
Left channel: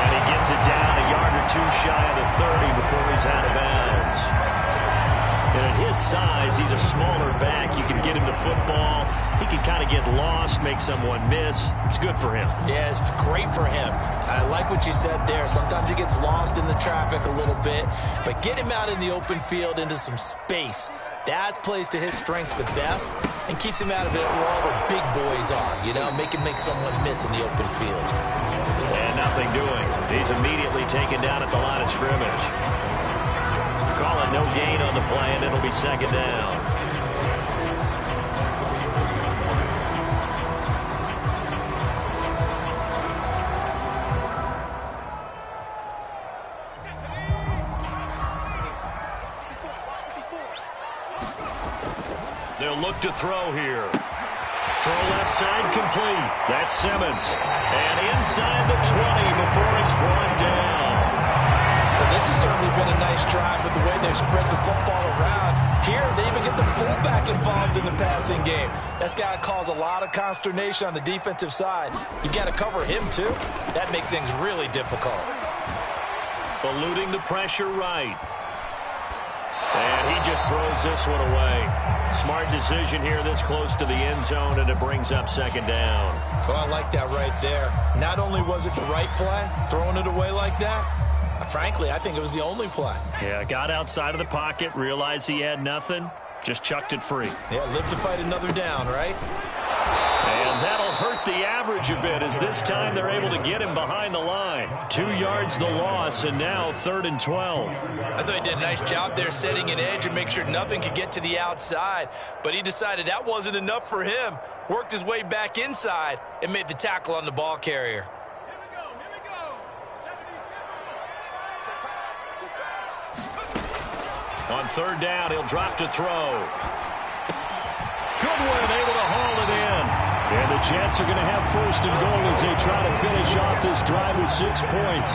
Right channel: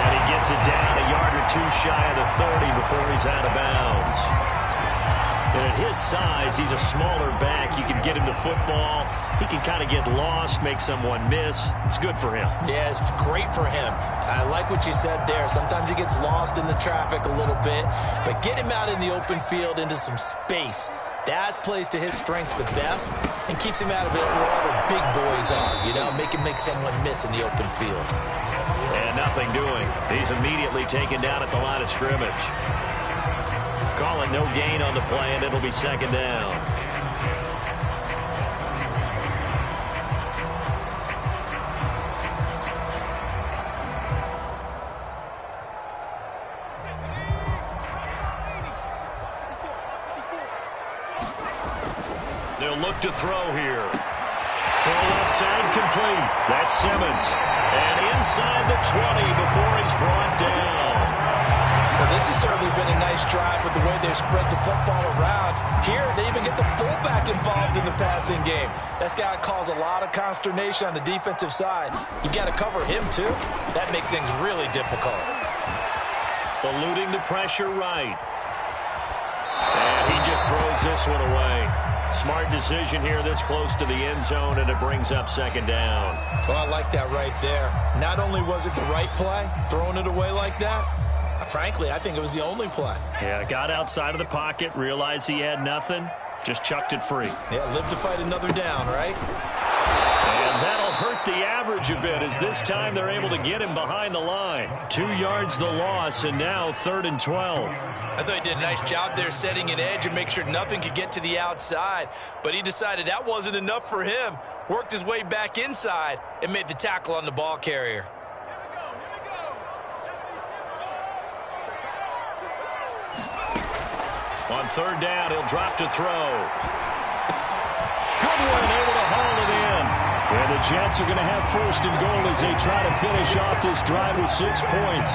And he gets it down a yard or 2 shy of the 30 before he's out of bounds. And at his size, he's a smaller back. You can get him to football. He can kind of get lost, make someone miss. It's good for him. Yeah, it's great for him. I like what you said there. Sometimes he gets lost in the traffic a little bit, but get him out in the open field into some space. That plays to his strengths the best and keeps him out of it where all the big boys are, you know, make someone miss in the open field. And nothing doing. He's immediately taken down at the line of scrimmage. Call it no gain on the play, and it'll be 2nd down. They'll look to throw here. Throw left side complete. That's Simmons. And inside the 20 before he's brought down. Well, this has certainly been a nice drive with the way they've spread the football around. Here, they even get the fullback involved in the passing game. That's got to cause a lot of consternation on the defensive side. You've got to cover him, too. That makes things really difficult. Eluding the pressure right. And he just throws this one away. Smart decision here this close to the end zone, and it brings up 2nd down. Well, I like that right there. Not only was it the right play, throwing it away like that, frankly, I think it was the only play. Yeah, got outside of the pocket, realized he had nothing, just chucked it free. Yeah, live to fight another down, right? And that'll hurt the average a bit as this time they're able to get him behind the line. 2 yards the loss, and now 3rd and 12. I thought he did a nice job there setting an edge and make sure nothing could get to the outside. But he decided that wasn't enough for him. Worked his way back inside and made the tackle on the ball carrier. On 3rd down, he'll drop to throw. Goodwin able to haul it in. And the Jets are going to have 1st and goal as they try to finish off this drive with 6 points.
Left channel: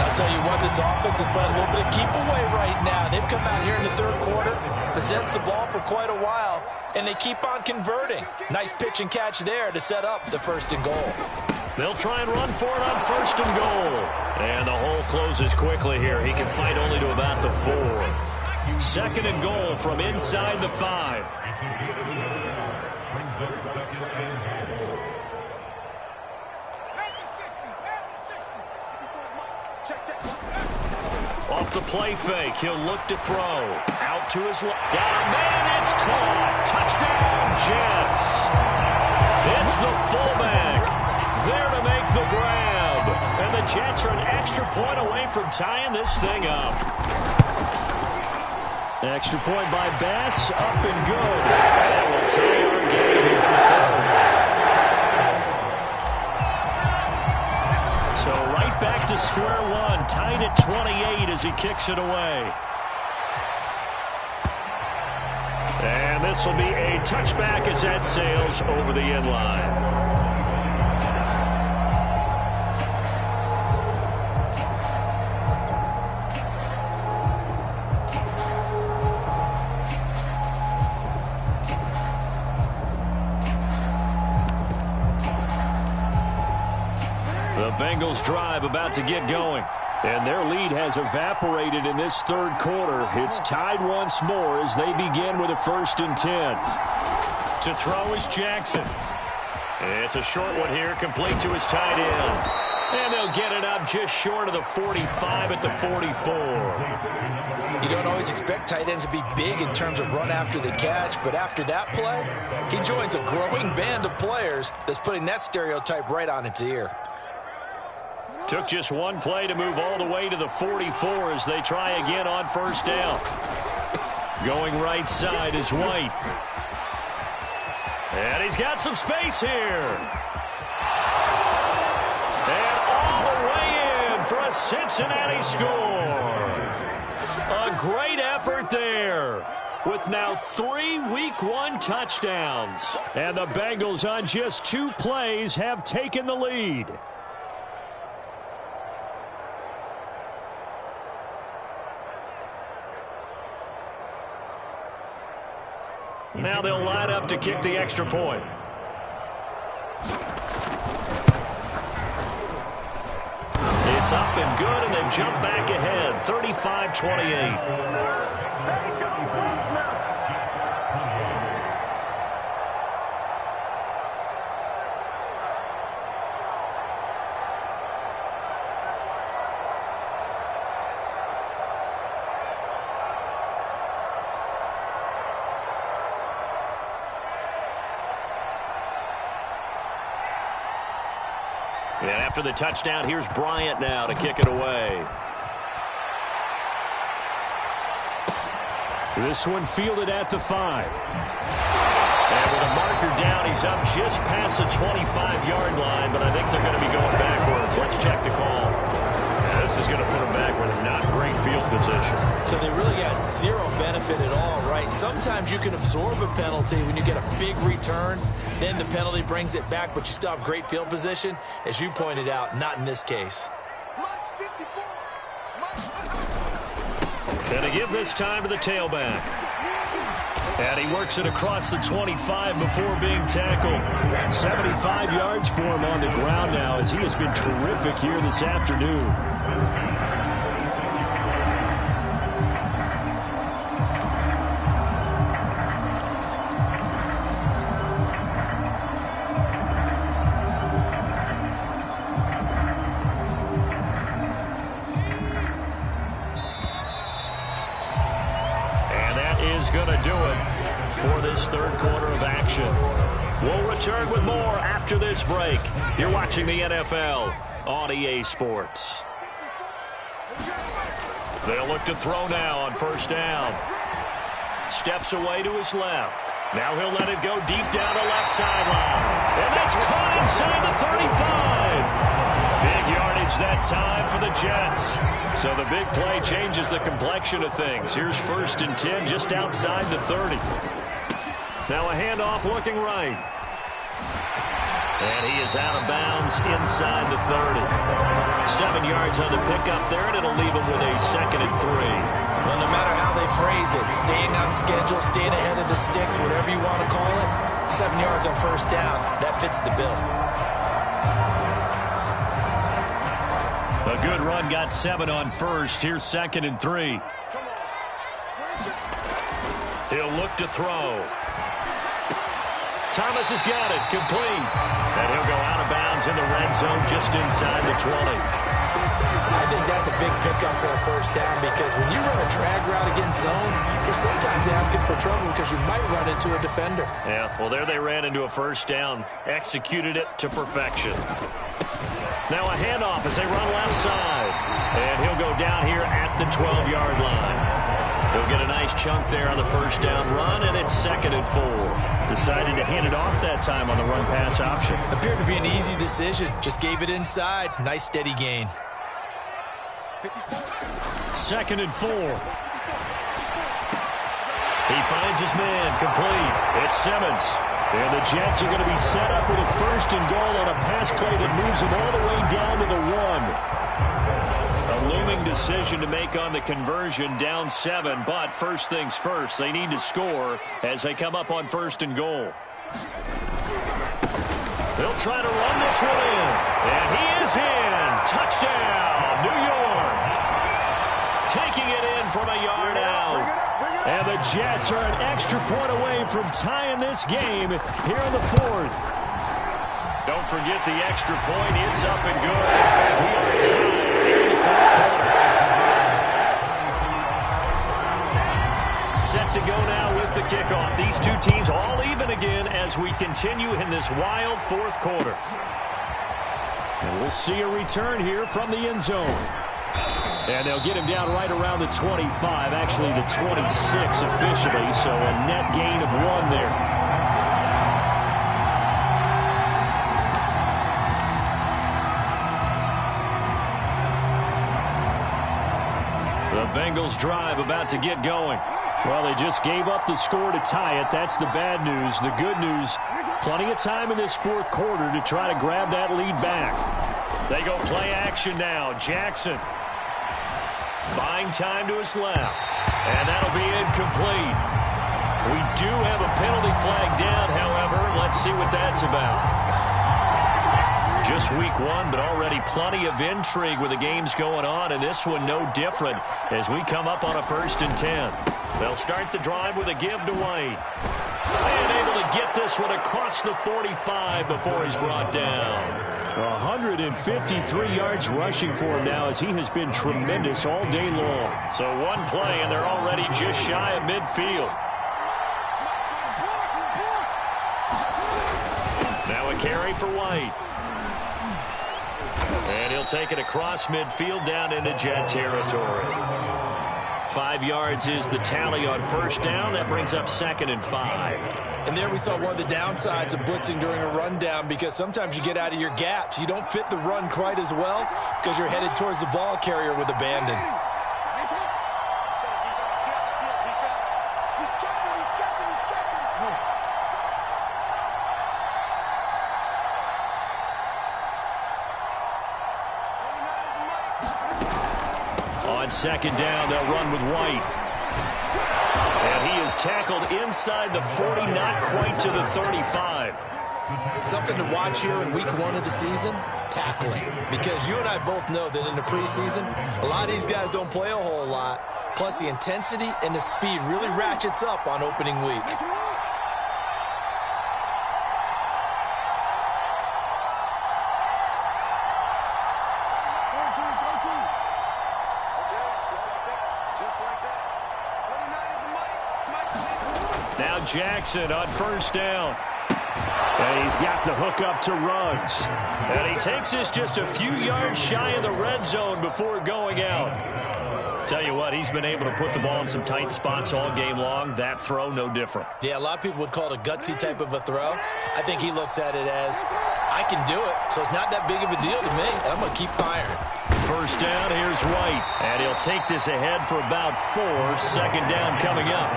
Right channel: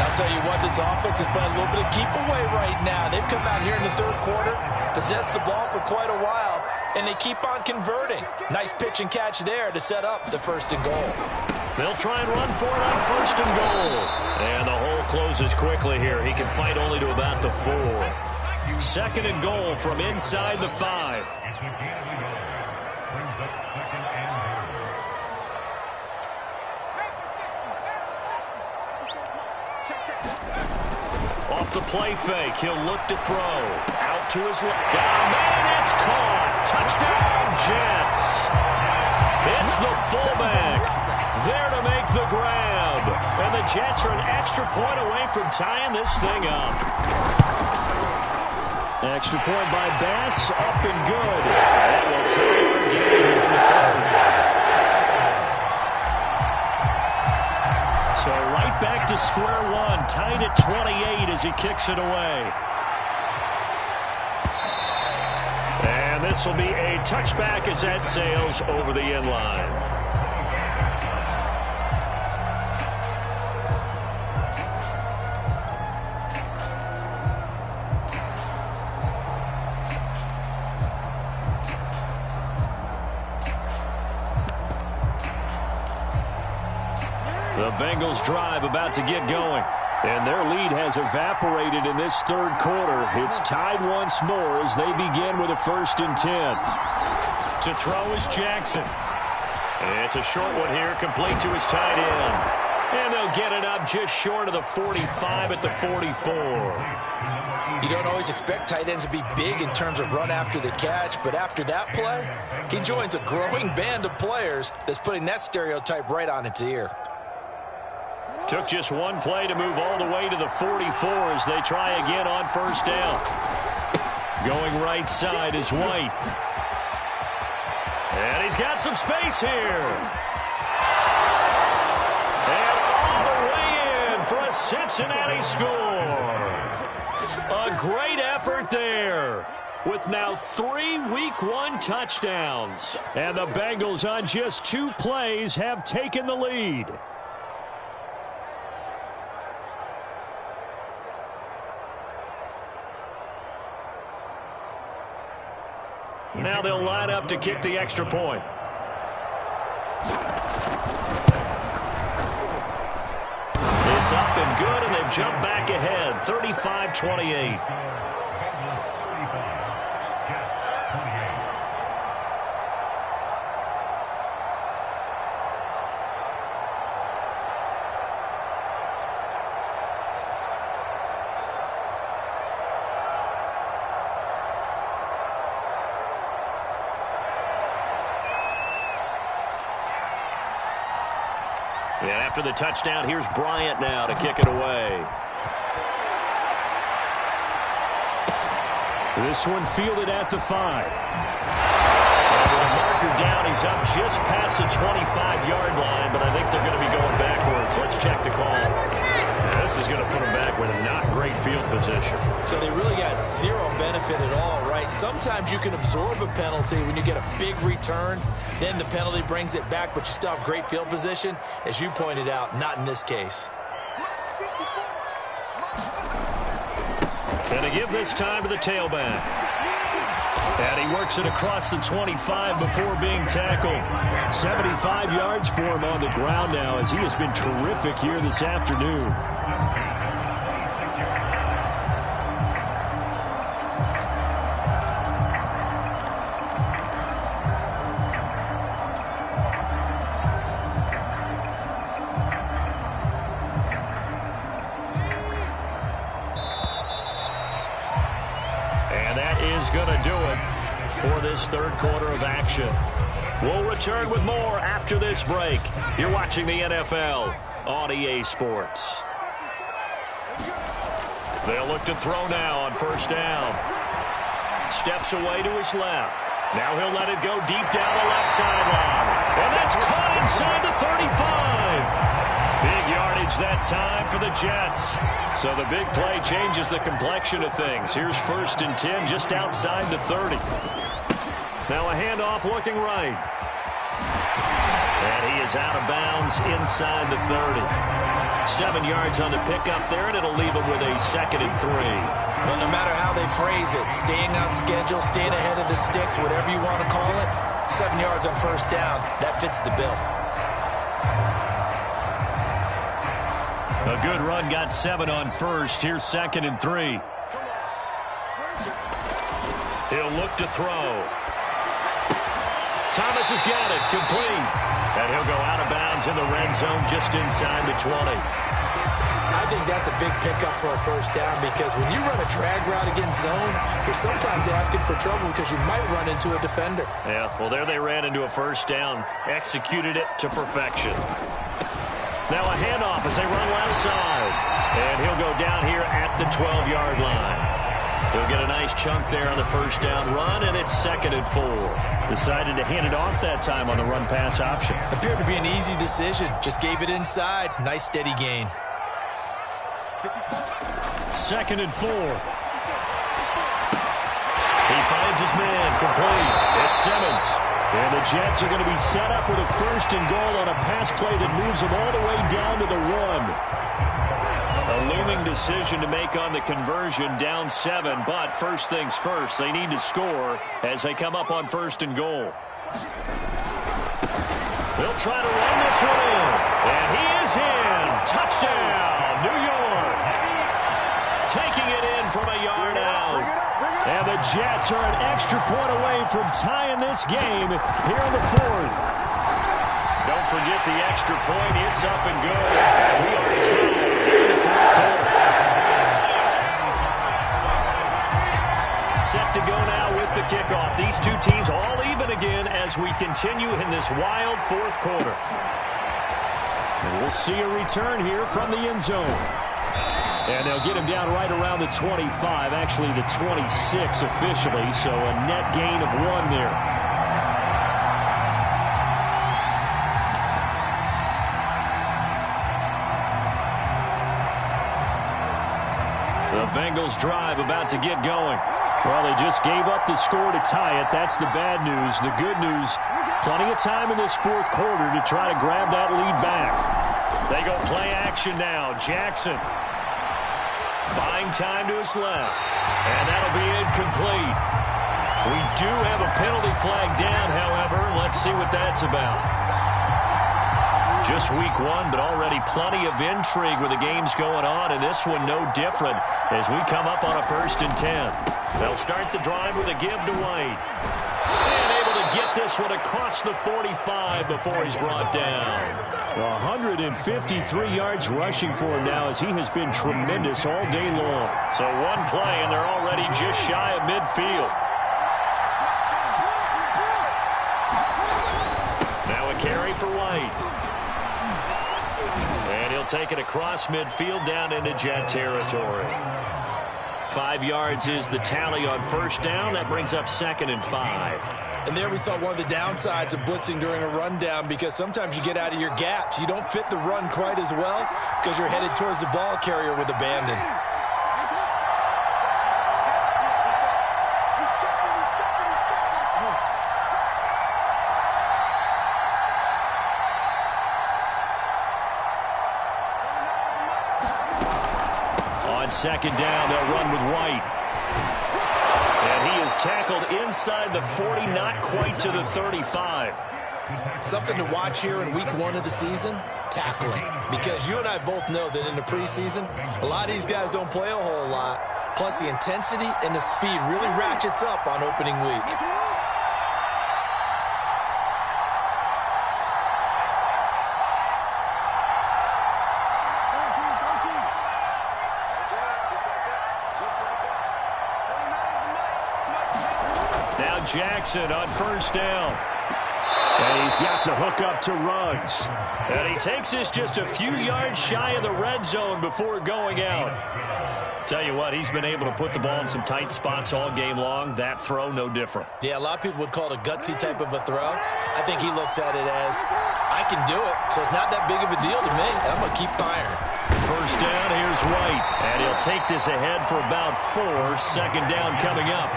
I'll tell you what, this offense is playing a little bit of keep away right now. They've come out here in the 3rd quarter, possessed the ball for quite a while, and they keep on converting. Nice pitch and catch there to set up the 1st and goal. They'll try and run for it on 1st and goal. And the hole closes quickly here. He can fight only to about the 4. 2nd and goal from inside the 5. Off the play fake, he'll look to throw. Out to his left. Got a man, it's caught. Touchdown, Jets. It's the fullback there to make the grab. And the Jets are an extra point away from tying this thing up. Extra point by Bass, up and good. That will tie our game here in the 3rd. So right back to square one, tied at 28 as he kicks it away. And this will be a touchback as that sails over the end line. The Bengals drive about to get going. And their lead has evaporated in this 3rd quarter. It's tied once more as they begin with a 1st and 10. To throw is Jackson. It's a short one here, complete to his tight end. And they'll get it up just short of the 45 at the 44. You don't always expect tight ends to be big in terms of run after the catch, but after that play, he joins a growing band of players that's putting that stereotype right on its ear. Took just one play to move all the way to the 44 as they try again on 1st down. Going right side is White. And he's got some space here. And all the way in for a Cincinnati score. A great effort there, with now 3 Week 1 touchdowns. And the Bengals on just 2 plays have taken the lead. Now they'll line up to kick the extra point. It's up and good, and they've jumped back ahead, 35-28. And after the touchdown, here's Bryant now to kick it away. This one fielded at the 5. And with a marker down, he's up just past the 25-yard line, but I think they're going to be going backwards. Let's check the call. Yeah, this is going to put them back with a not great field position. So they really got zero benefit at all, right? Sometimes you can absorb a penalty when you get a big return. Then the penalty brings it back, but you still have great field position. As you pointed out, not in this case. And to give this time to the tailback. And he works it across the 25 before being tackled. 75 yards for him on the ground now, as he has been terrific here this afternoon. And that is going to do it for this 3rd quarter of action. We'll return with more after this break. You're watching the NFL on EA Sports. They'll look to throw now on 1st down. Steps away to his left. Now he'll let it go deep down the left sideline. And that's caught inside the 35. Big yardage that time for the Jets. So the big play changes the complexion of things. Here's 1st and 10 just outside the 30. Now a handoff looking right. And he is out of bounds inside the 30. 7 yards on the pickup there, and it'll leave him with a 2nd and 3. Well, no matter how they phrase it, staying on schedule, staying ahead of the sticks, whatever you want to call it, 7 yards on 1st down, that fits the bill. A good run, got 7 on first. Here's 2nd and 3. He'll look to throw. Thomas has got it, complete. And he'll go out of bounds in the red zone just inside the 20. I think that's a big pickup for a first down because when you run a drag route against zone, you're sometimes asking for trouble because you might run into a defender. Yeah, well, there they ran into a first down. Executed it to perfection. Now a handoff as they run left side. And he'll go down here at the 12-yard line. He'll get a nice chunk there on the first down run, and it's 2nd and 4. Decided to hand it off that time on the run-pass option. Appeared to be an easy decision. Just gave it inside. Nice, steady gain. 2nd and 4. He finds his man, complete. It's Simmons. And the Jets are going to be set up with a 1st and goal on a pass play that moves them all the way down to the 1. A looming decision to make on the conversion, down 7, but first things first, they need to score as they come up on 1st and goal. They'll try to run this one in, and he is in. Touchdown, New York. Taking it in from a yard out. And the Jets are an extra point away from tying this game here in the 4th. Don't forget the extra point. It's up and good. And we are tied here in the 4th quarter. Set to go now with the kickoff. These two teams all even again as we continue in this wild 4th quarter. And we'll see a return here from the end zone. And they'll get him down right around the 25, actually the 26 officially, so a net gain of 1 there. The Bengals drive about to get going. Well, they just gave up the score to tie it. That's the bad news. The good news, plenty of time in this 4th quarter to try to grab that lead back. They go play action now. Jackson buying time to his left. And that'll be incomplete. We do have a penalty flag down, however. Let's see what that's about. Just week 1, but already plenty of intrigue with the games going on, and this one no different as we come up on a 1st and 10. They'll start the drive with a give to White. And able to get this one across the 45 before he's brought down. 153 yards rushing for him now as he has been tremendous all day long. So one play, and they're already just shy of midfield. Now a carry for White. And he'll take it across midfield down into Jet territory. 5 yards is the tally on 1st down. That brings up 2nd and 5. And there we saw one of the downsides of blitzing during a rundown because sometimes you get out of your gaps. You don't fit the run quite as well because you're headed towards the ball carrier with abandon. On 2nd down, they'll run with White. And he is tackled inside the 40, not quite to the 35. Something to watch here in week 1 of the season, tackling. Because you and I both know that in the preseason, a lot of these guys don't play a whole lot. Plus the intensity and the speed really ratchets up on opening week. Now Jackson on 1st down. And he's got the hook up to Ruggs. And he takes this just a few yards shy of the red zone before going out. Tell you what, he's been able to put the ball in some tight spots all game long. That throw, no different. Yeah, a lot of people would call it a gutsy type of a throw. I think he looks at it as, I can do it, so it's not that big of a deal to me. I'm going to keep firing. 1st down, here's White. And he'll take this ahead for about 4. 2nd down coming up.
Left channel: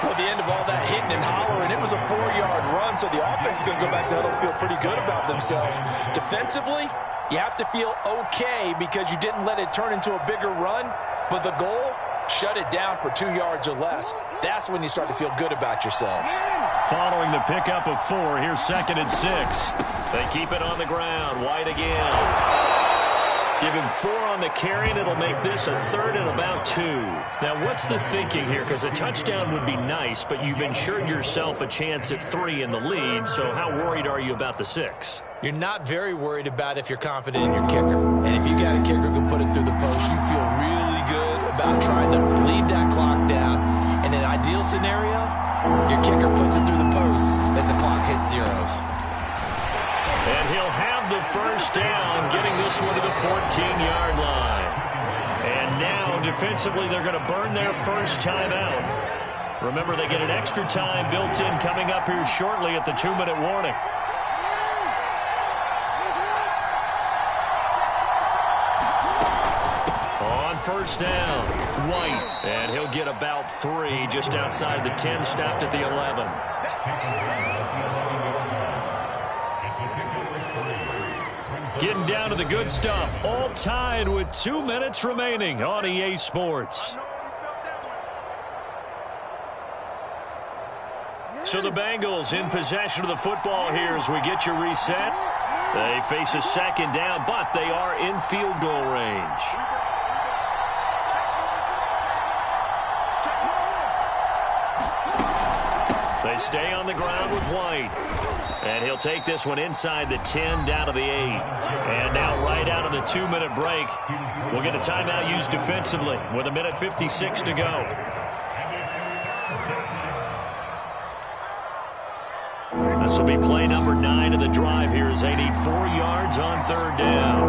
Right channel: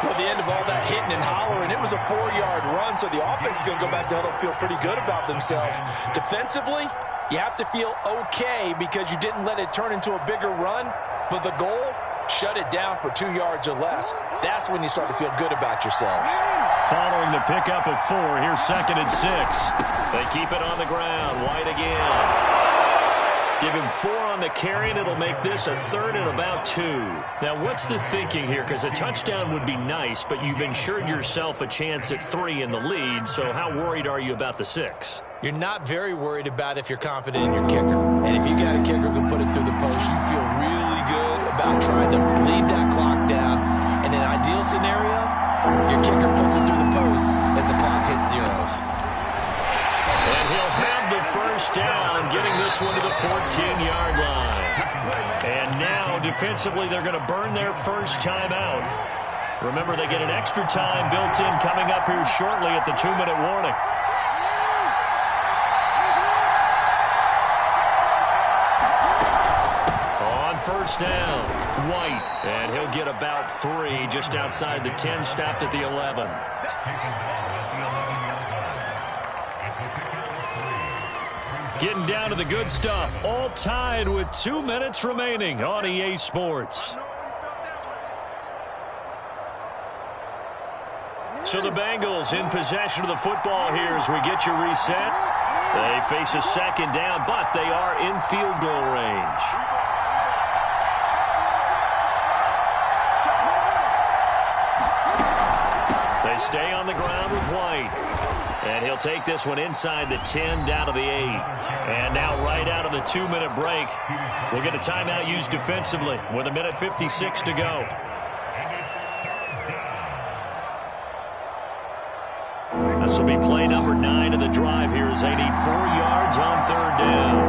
Well, at the end of all that hitting and hollering, it was a 4-yard run, so the offense is going to go back to huddle and feel pretty good about themselves. Defensively, you have to feel okay because you didn't let it turn into a bigger run, but the goal, shut it down for 2 yards or less. That's when you start to feel good about yourselves. Following the pickup of 4, here's 2nd and 6. They keep it on the ground. White again. Give him 4 on the carry, and it'll make this a 3rd and about 2. Now, what's the thinking here? Because a touchdown would be nice, but you've ensured yourself a chance at 3 in the lead, so how worried are you about the 6? You're not very worried about if you're confident in your kicker. And if you got a kicker who can put it through the post, you feel really good about trying to bleed that clock down. In an ideal scenario, your kicker puts it through the post as the clock hits zeros. And he'll have the first down, getting this one to the 14-yard line. And now, defensively, they're going to burn their first timeout. Remember, they get an extra time built in coming up here shortly at the 2-minute warning. On first down, White. And he'll get about 3 just outside the 10, stopped at the 11. Getting down to the good stuff. All tied with 2 minutes remaining on EA Sports. So the Bengals in possession of the football here as we get you reset. They face a second down, but they are in field goal range. They stay on the ground with White. And he'll take this one inside the 10, down to the 8. And now right out of the 2-minute break, we'll get a timeout used defensively with 1:56 to go. This will be play number 9 of the drive here as they need 4 yards on 3rd down.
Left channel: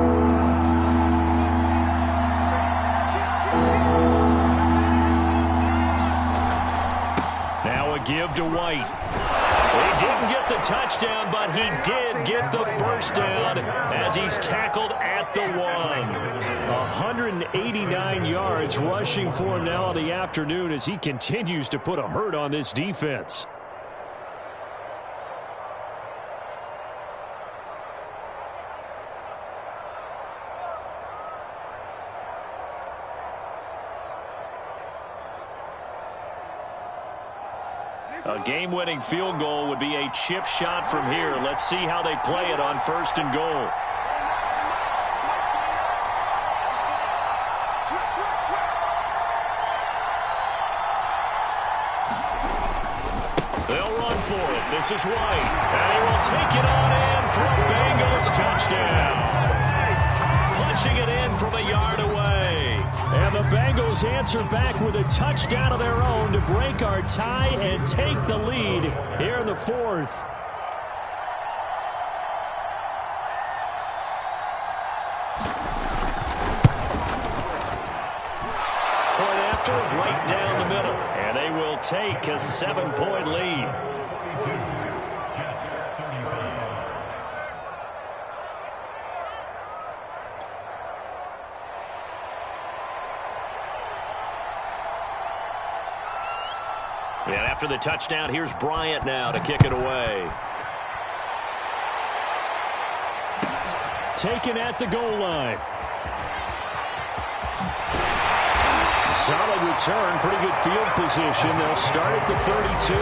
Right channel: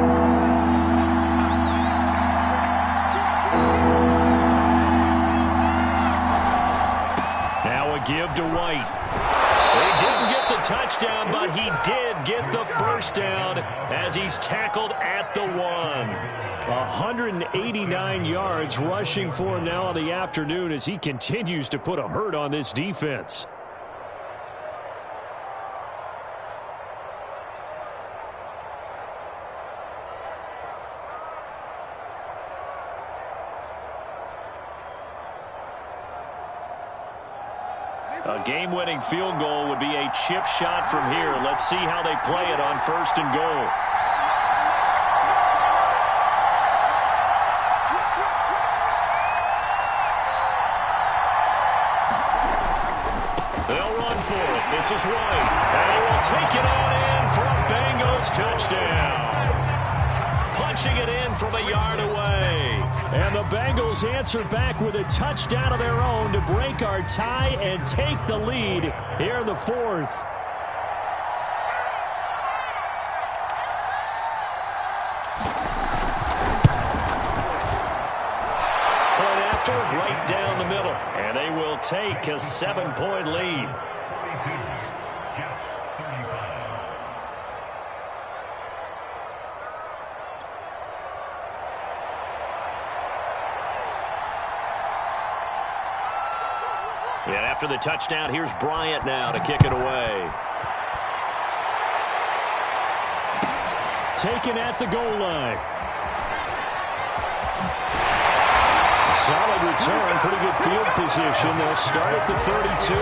Now a give to White. He didn't get the touchdown, but he did get the first down as he's tackled at the 1. 189 yards rushing for him now on the afternoon as he continues to put a hurt on this defense. A game-winning field goal would be a chip shot from here. Let's see how they play it on 1st and goal. They'll run for it. This is White. And he will take it on in for a Bengals touchdown. Punching it in from a yard away. And the Bengals answer back with a touchdown of their own to break our tie and take the lead here in the 4th. Point after, right down the middle. And they will take a 7-point lead. And after the touchdown, here's Bryant now to kick it away. Taken at the goal line. A solid return, pretty good field position. They'll start at the 32.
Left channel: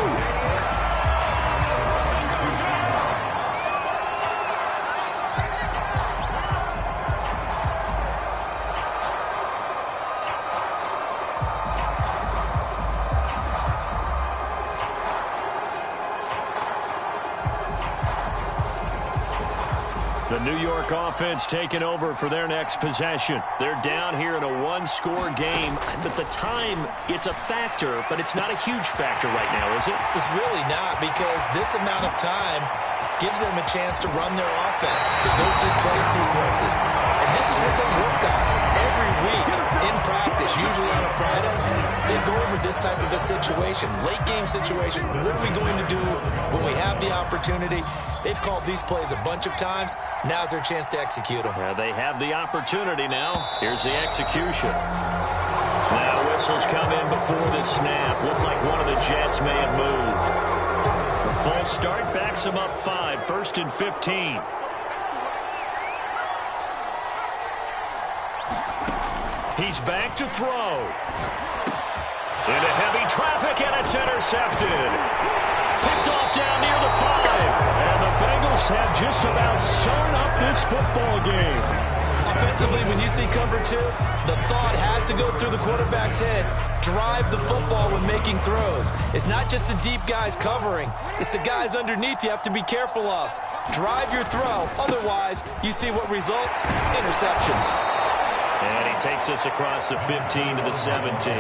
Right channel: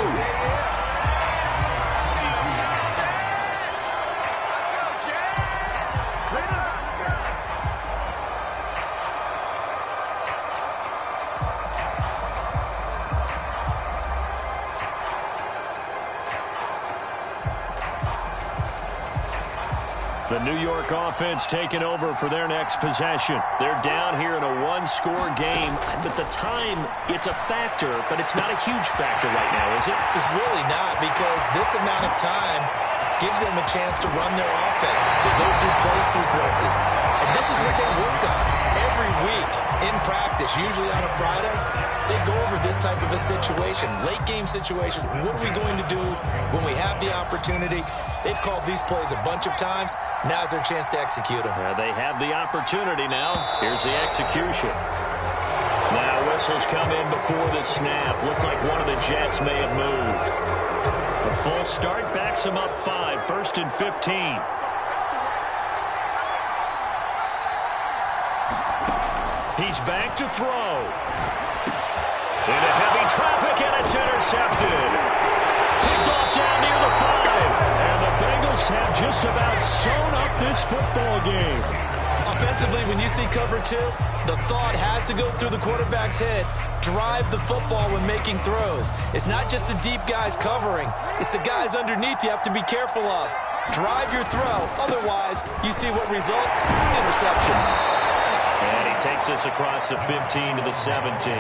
The New York offense taking over for their next possession. They're down here in a 1-score game. But the time, it's a factor, but it's not a huge factor right now, is it? It's really not, because this amount of time gives them a chance to run their offense, to go through play sequences. And this is what they work on every week in practice, usually on a Friday. They go over this type of a situation, late game situation. What are we going to do when we have the opportunity? They've called these plays a bunch of times. Now's their chance to execute them. Yeah, they have the opportunity now. Here's the execution. Now whistles come in before the snap. Looked like one of the Jets may have moved. A false start backs them up 5, 1st and 15. He's back to throw. Into heavy traffic, and it's intercepted. Picked off down near the 5. And the Bengals have just about sewn up this football game. Offensively, when you see cover two, the thought has to go through the quarterback's head. Drive the football when making throws. It's not just the deep guys covering. It's the guys underneath you have to be careful of. Drive your throw. Otherwise, you see what results? Interceptions. And he takes us across the 15 to the 17.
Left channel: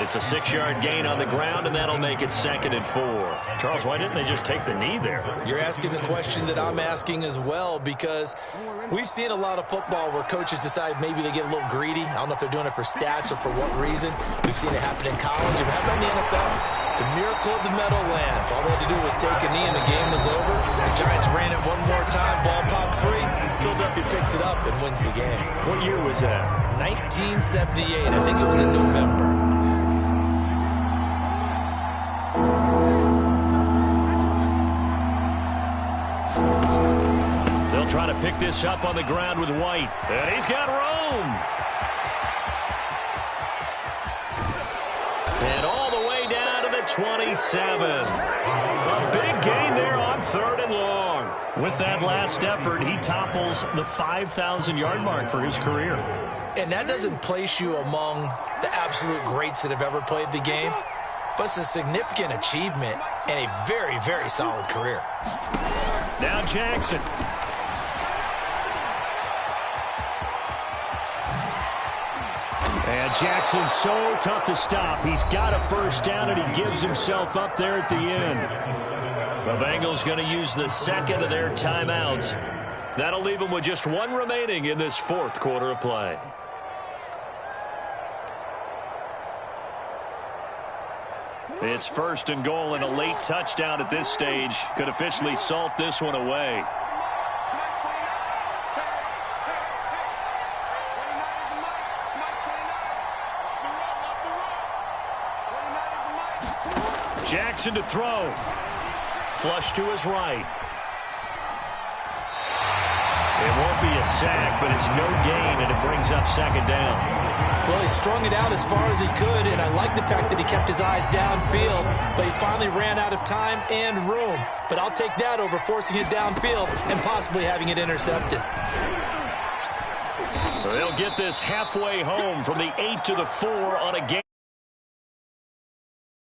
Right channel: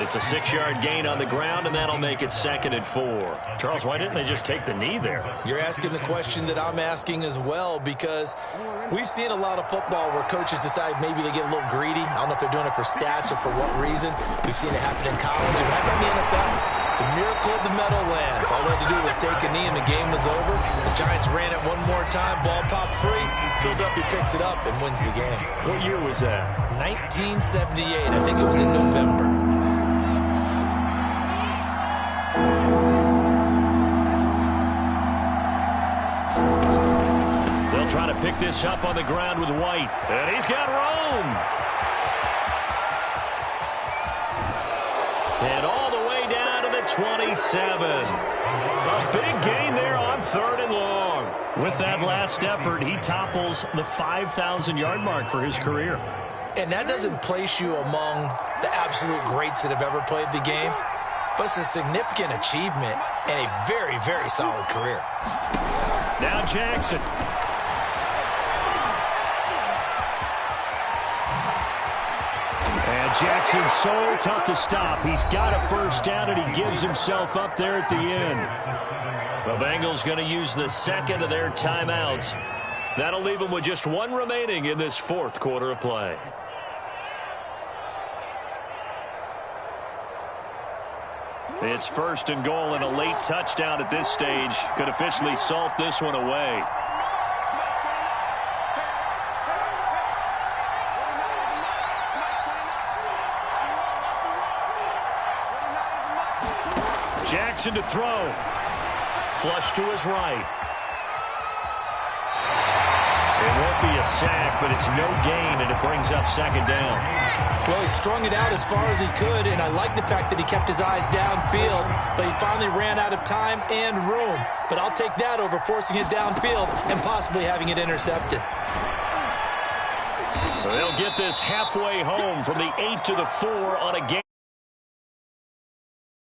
It's a 6-yard gain on the ground, and that'll make it 2nd and 4. Charles, why didn't they just take the knee there? You're asking the question that I'm asking as well, because we've seen a lot of football where coaches decide maybe they get a little greedy. I don't know if they're doing it for stats or for what reason. We've seen it happen in college. It happened in the NFL. The miracle of the Meadowlands. All they had to do was take a knee, and the game was over. The Giants ran it one more time. Ball popped free. Philadelphia picks it up and wins the game. What year was that? 1978. I think it was in November. They'll try to pick this up on the ground with White. And he's got Rome. And all the way down to the 27. A big gain there on 3rd and long. With that last effort, he topples the 5,000-yard mark for his career. And that doesn't place you among the absolute greats that have ever played the game, but it's a significant achievement and a very, very solid career. Now Jackson. And Jackson's so tough to stop. He's got a first down, and he gives himself up there at the end. The Bengals going to use the 2nd of their timeouts. That'll leave them with just 1 remaining in this 4th quarter of play. It's 1st and goal, and a late touchdown at this stage could officially salt this one away. Jackson to throw. Flush to his right. It won't be a sack, but it's no gain, and it brings up 2nd down. Well, he strung it out as far as he could, and I like the fact that he kept his eyes downfield, but he finally ran out of time and room. But I'll take that over forcing it downfield and possibly having it intercepted. They'll get this halfway home from the 8 to the 4 on a game.